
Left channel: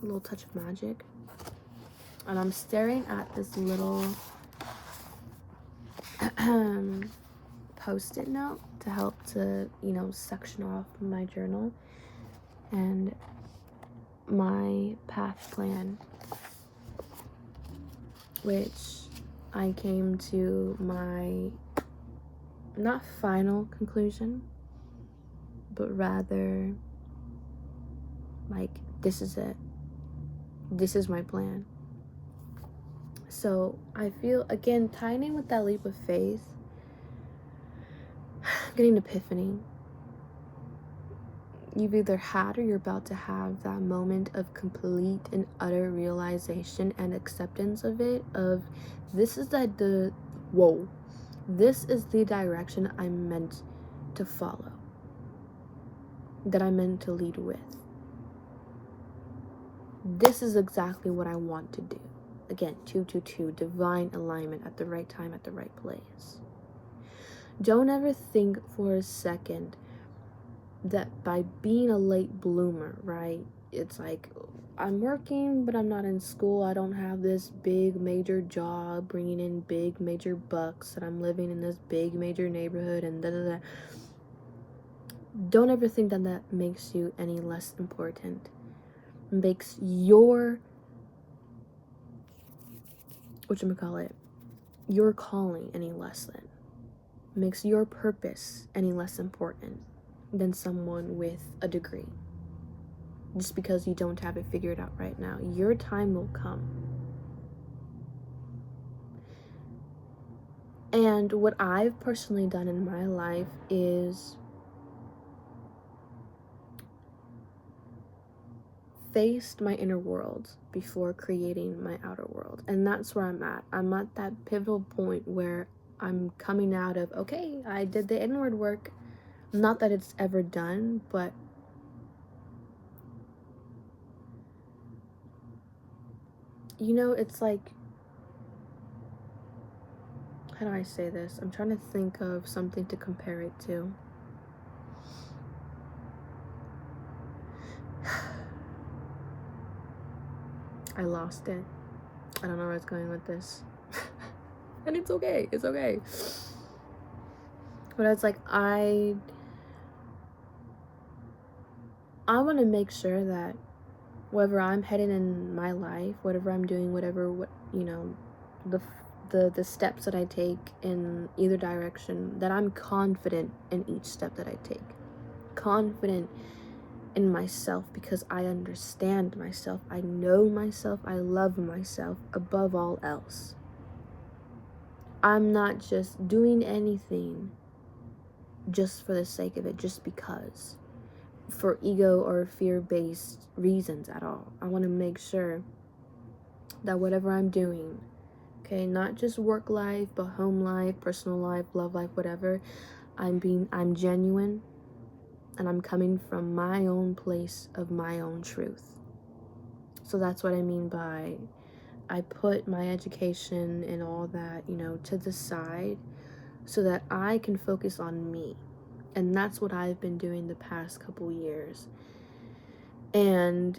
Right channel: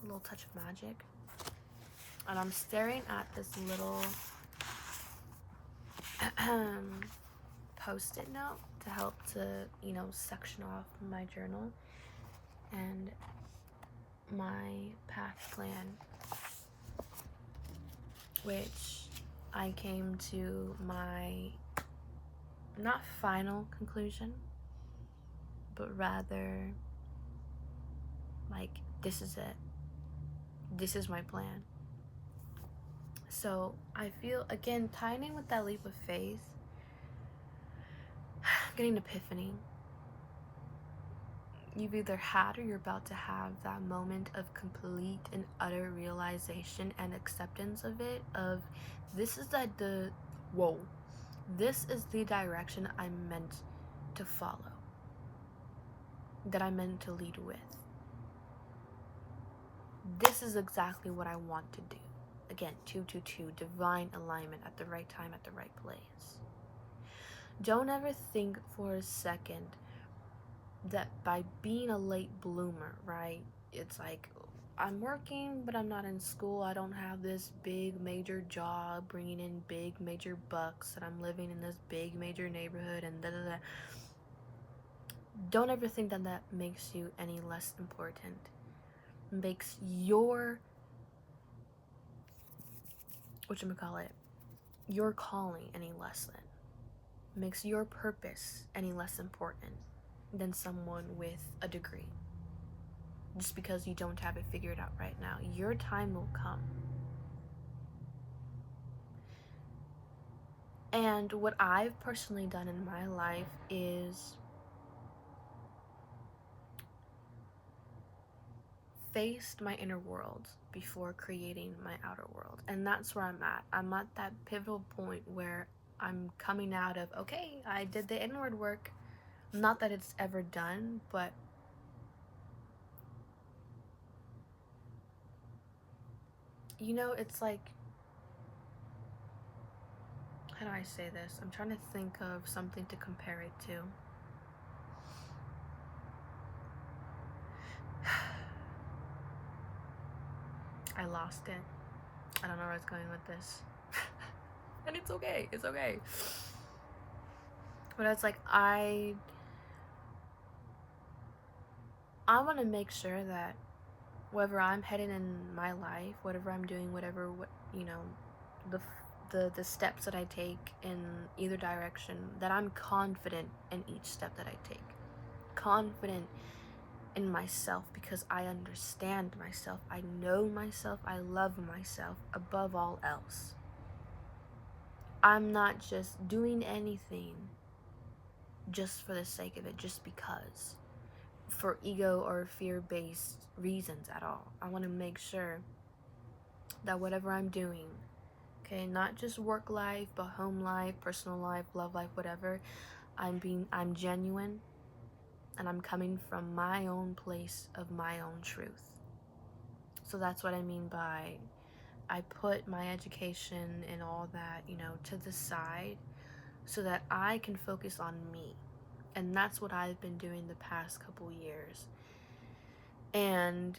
a little touch of magic. And I'm staring at this little post-it note to help to, section off my journal and my path plan, which I came to my not final conclusion, but rather like, this is it. This is my plan. So I feel, again, tying in with that leap of faith, getting an epiphany. You've either had or you're about to have that moment of complete and utter realization and acceptance of it, of this is this is the direction I'm meant to follow, that I'm meant to lead with. This is exactly what I want to do. Again, 222, divine alignment at the right time, at the right place. Don't ever think for a second that by being a late bloomer, right? It's like, I'm working, but I'm not in school. I don't have this big major job bringing in big major bucks, and I'm living in this big major neighborhood and da da da. Don't ever think that that makes you any less important. Makes your your calling any less than. Makes your purpose any less important than someone with a degree. Just because you don't have it figured out right now. Your time will come. And what I've personally done in my life is faced my inner world before creating my outer world. And that's where I'm at. I'm at that pivotal point where I'm coming out of, okay, I did the inward work. Not that it's ever done, but it's like, how do I say this? I'm trying to think of something to compare it to. I lost it. I don't know where it's going with this. And it's okay. It's okay. But it's like, I want to make sure that wherever I'm headed in my life, whatever I'm doing, the steps that I take in either direction, that I'm confident in each step that I take. Confident in myself because I understand myself. I know myself. I love myself above all else. I'm not just doing anything just for the sake of it, just because, for ego or fear-based reasons at all. I want to make sure that whatever I'm doing, okay, not just work life, but home life, personal life, love life, whatever, I'm genuine, and I'm coming from my own place of my own truth. So that's what I mean by, I put my education and all that, to the side so that I can focus on me. And that's what I've been doing the past couple years. And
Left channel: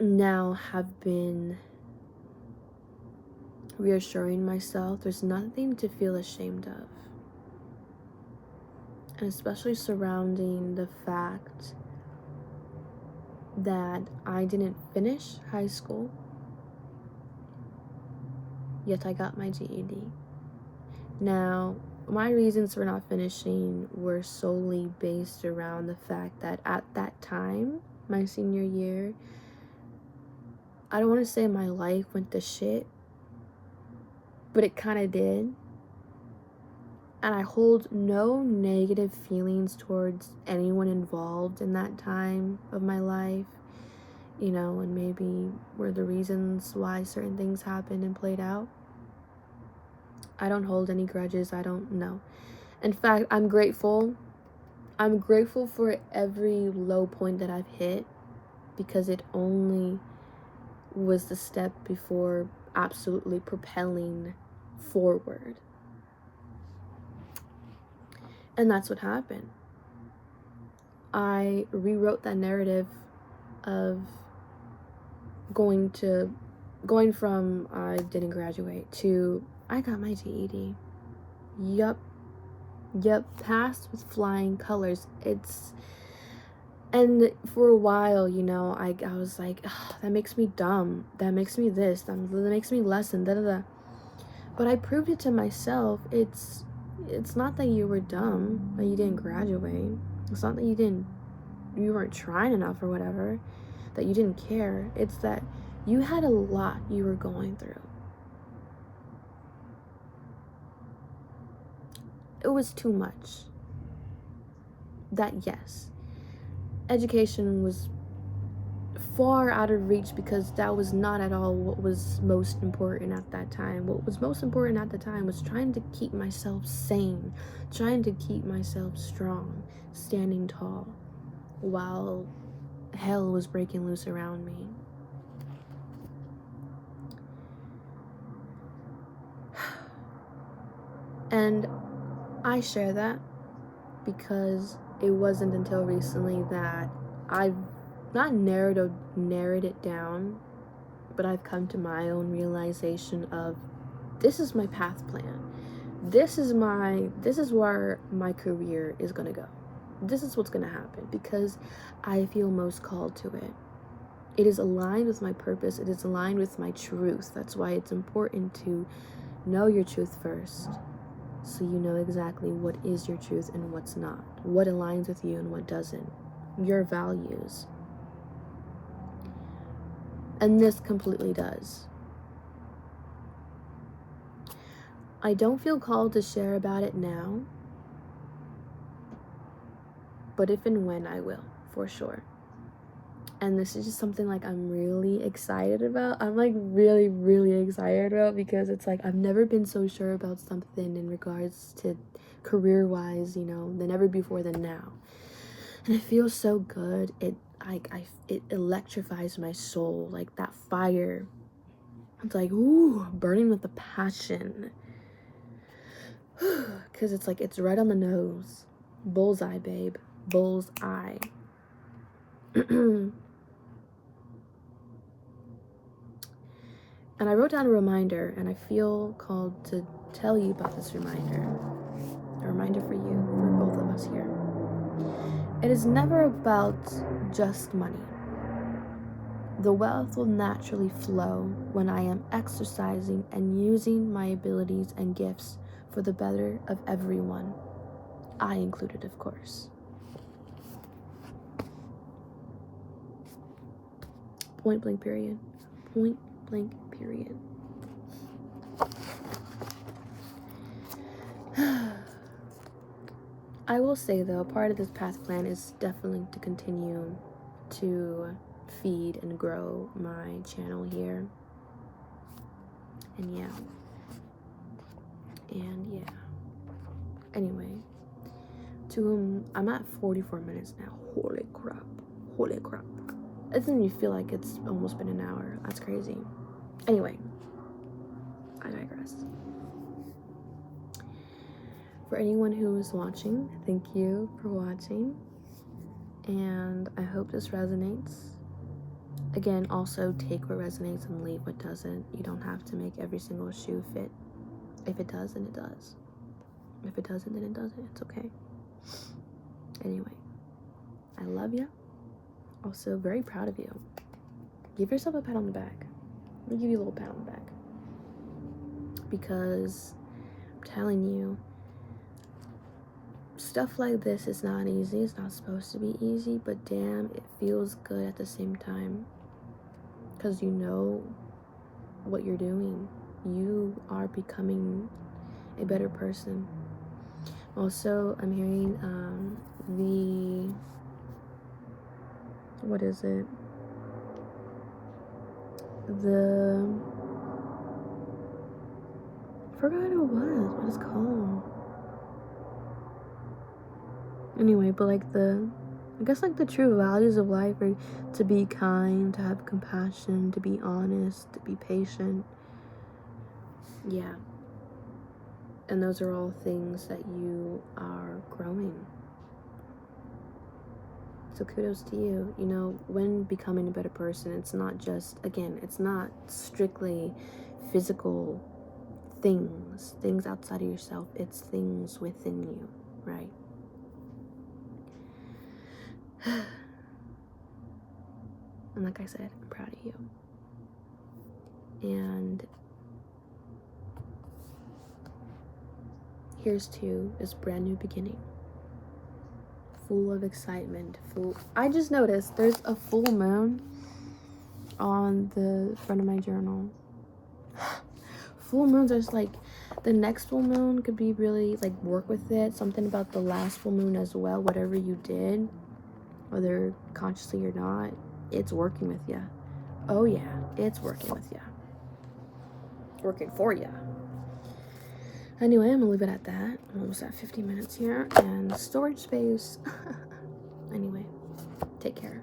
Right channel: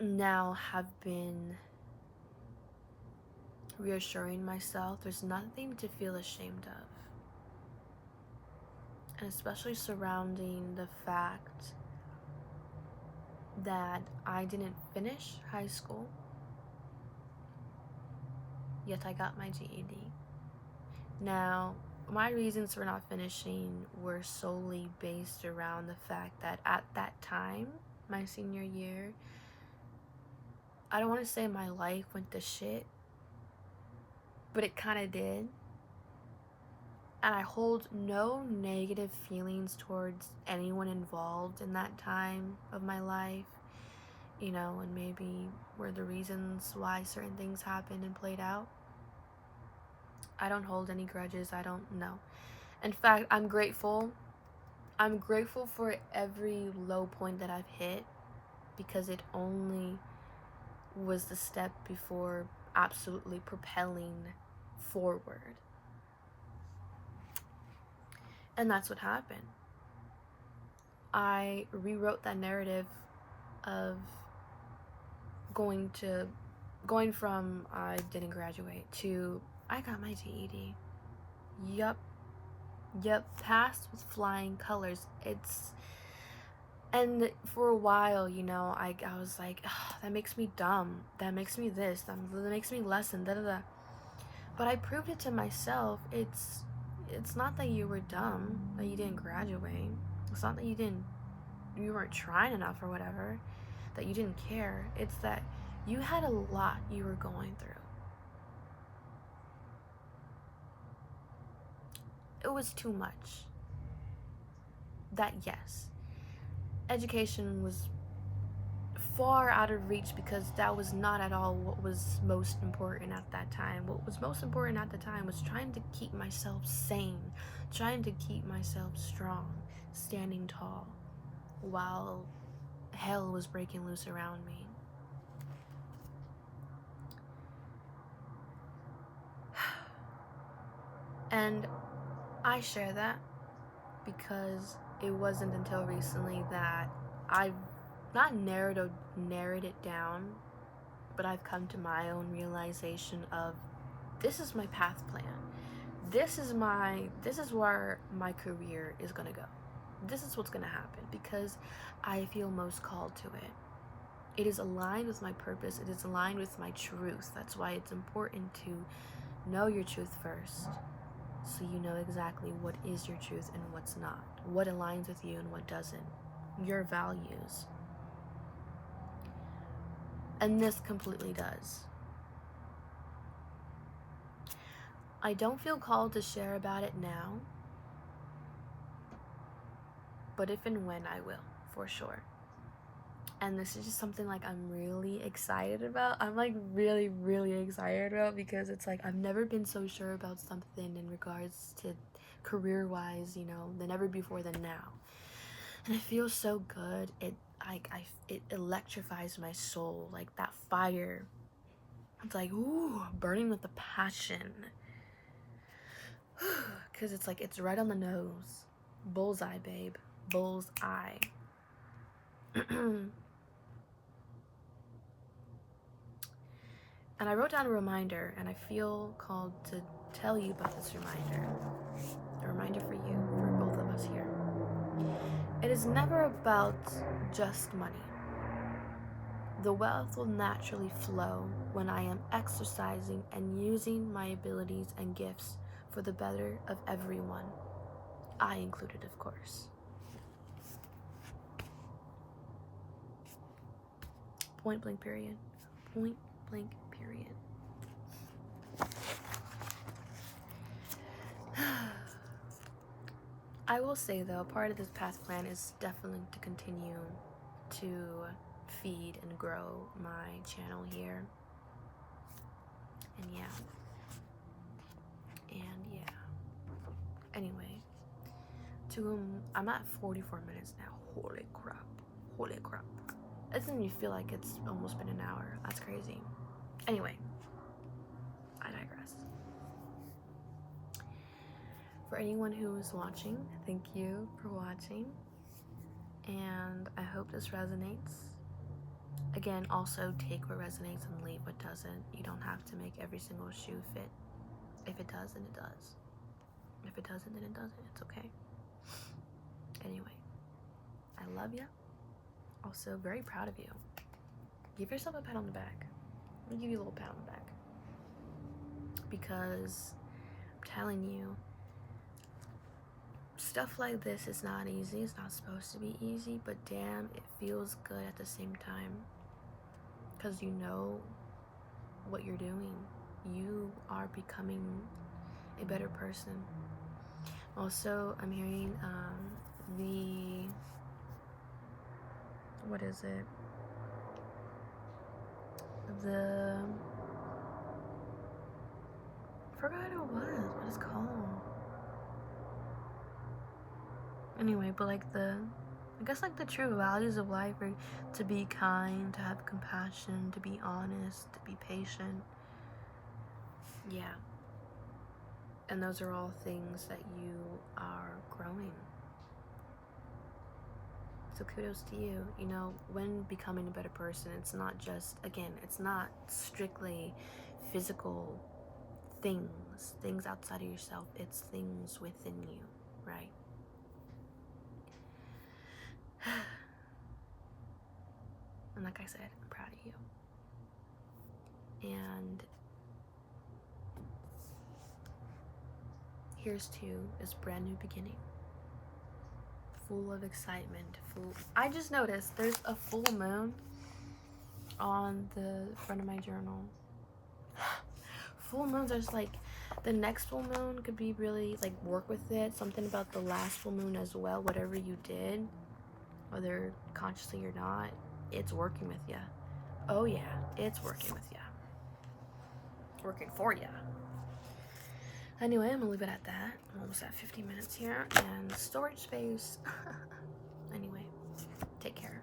now have been reassuring myself there's nothing to feel ashamed of. And especially surrounding the fact that I didn't finish high school, yet I got my GED. Now, my reasons for not finishing were solely based around the fact that at that time, my senior year, I don't want to say my life went to shit, but it kind of did. And I hold no negative feelings towards anyone involved in that time of my life, you know, and maybe were the reasons why certain things happened and played out. I don't hold any grudges. I don't know. In fact, I'm grateful. I'm grateful for every low point that I've hit, because it only was the step before absolutely propelling forward. And that's what happened. I rewrote that narrative of going from I didn't graduate to I got my GED. Yup, passed with flying colors. And for a while, you know, I was like, that makes me dumb. That makes me this. That makes me less than da da da. But I proved it to myself. It's not that you were dumb, that you didn't graduate. It's not that you weren't trying enough or whatever, that you didn't care. It's that you had a lot you were going through. It was too much. That, yes, education was far out of reach, because that was not at all what was most important at that time. What was most important at the time was trying to keep myself sane, trying to keep myself strong, standing tall, while hell was breaking loose around me. And I share that because it wasn't until recently that I've not narrowed it down, but I've come to my own realization of, this is my path plan. This is where my career is gonna go. This is what's gonna happen, because I feel most called to it. It is aligned with my purpose. It is aligned with my truth. That's why it's important to know your truth first, so you know exactly what is your truth and what's not, what aligns with you and what doesn't, your values. And this completely does. I don't feel called to share about it now, but if and when, I will, for sure. And this is just something like I'm really excited about. I'm like really, really excited about, because it's like I've never been so sure about something in regards to career-wise, you know, than ever before than now. And it feels so good. It electrifies my soul, like that fire. It's like, ooh, burning with a passion. Because it's like, it's right on the nose. Bullseye, babe. Bullseye. And I wrote down a reminder, and I feel called to tell you about this reminder. A reminder for you, for both of us here. It is never about just money. The wealth will naturally flow when I am exercising and using my abilities and gifts for the better of everyone, I included, of course. Point blank period. Point blank period. I will say though, part of this path plan is definitely to continue to feed and grow my channel here. And yeah. Anyway, I'm at 44 minutes now. Holy crap. It doesn't even feel like it's almost been an hour. That's crazy. Anyway, I digress. For anyone who is watching, thank you for watching. And I hope this resonates. Again, also take what resonates and leave what doesn't. You don't have to make every single shoe fit. If it does, then it does. If it doesn't, then it doesn't. It's okay. Anyway, I love you. Also, very proud of you. Give yourself a pat on the back. Let me give you a little pat on the back. Because I'm telling you, stuff like this is not easy. It's not supposed to be easy, but damn, it feels good at the same time. Because you know what you're doing. You are becoming a better person. Also, I'm hearing what is it? I forgot what it's called. Anyway, but like I guess like the true values of life are to be kind, to have compassion, to be honest, to be patient. Yeah. And those are all things that you are growing. So kudos to you. You know, when becoming a better person, it's not just, again, it's not strictly physical things outside of yourself. It's things within you, right? And like I said, I'm proud of you. And here's to this brand new beginning. Full of excitement. I just noticed there's a full moon on the front of my journal. Full moons are just like, the next full moon could be really like, work with it. Something about the last full moon as well. Whatever you did, whether consciously or not, it's working with you. Oh yeah, it's working with you. Working for you. Anyway, I'm gonna leave it at that. I'm almost at 50 minutes here and storage space. Anyway, take care.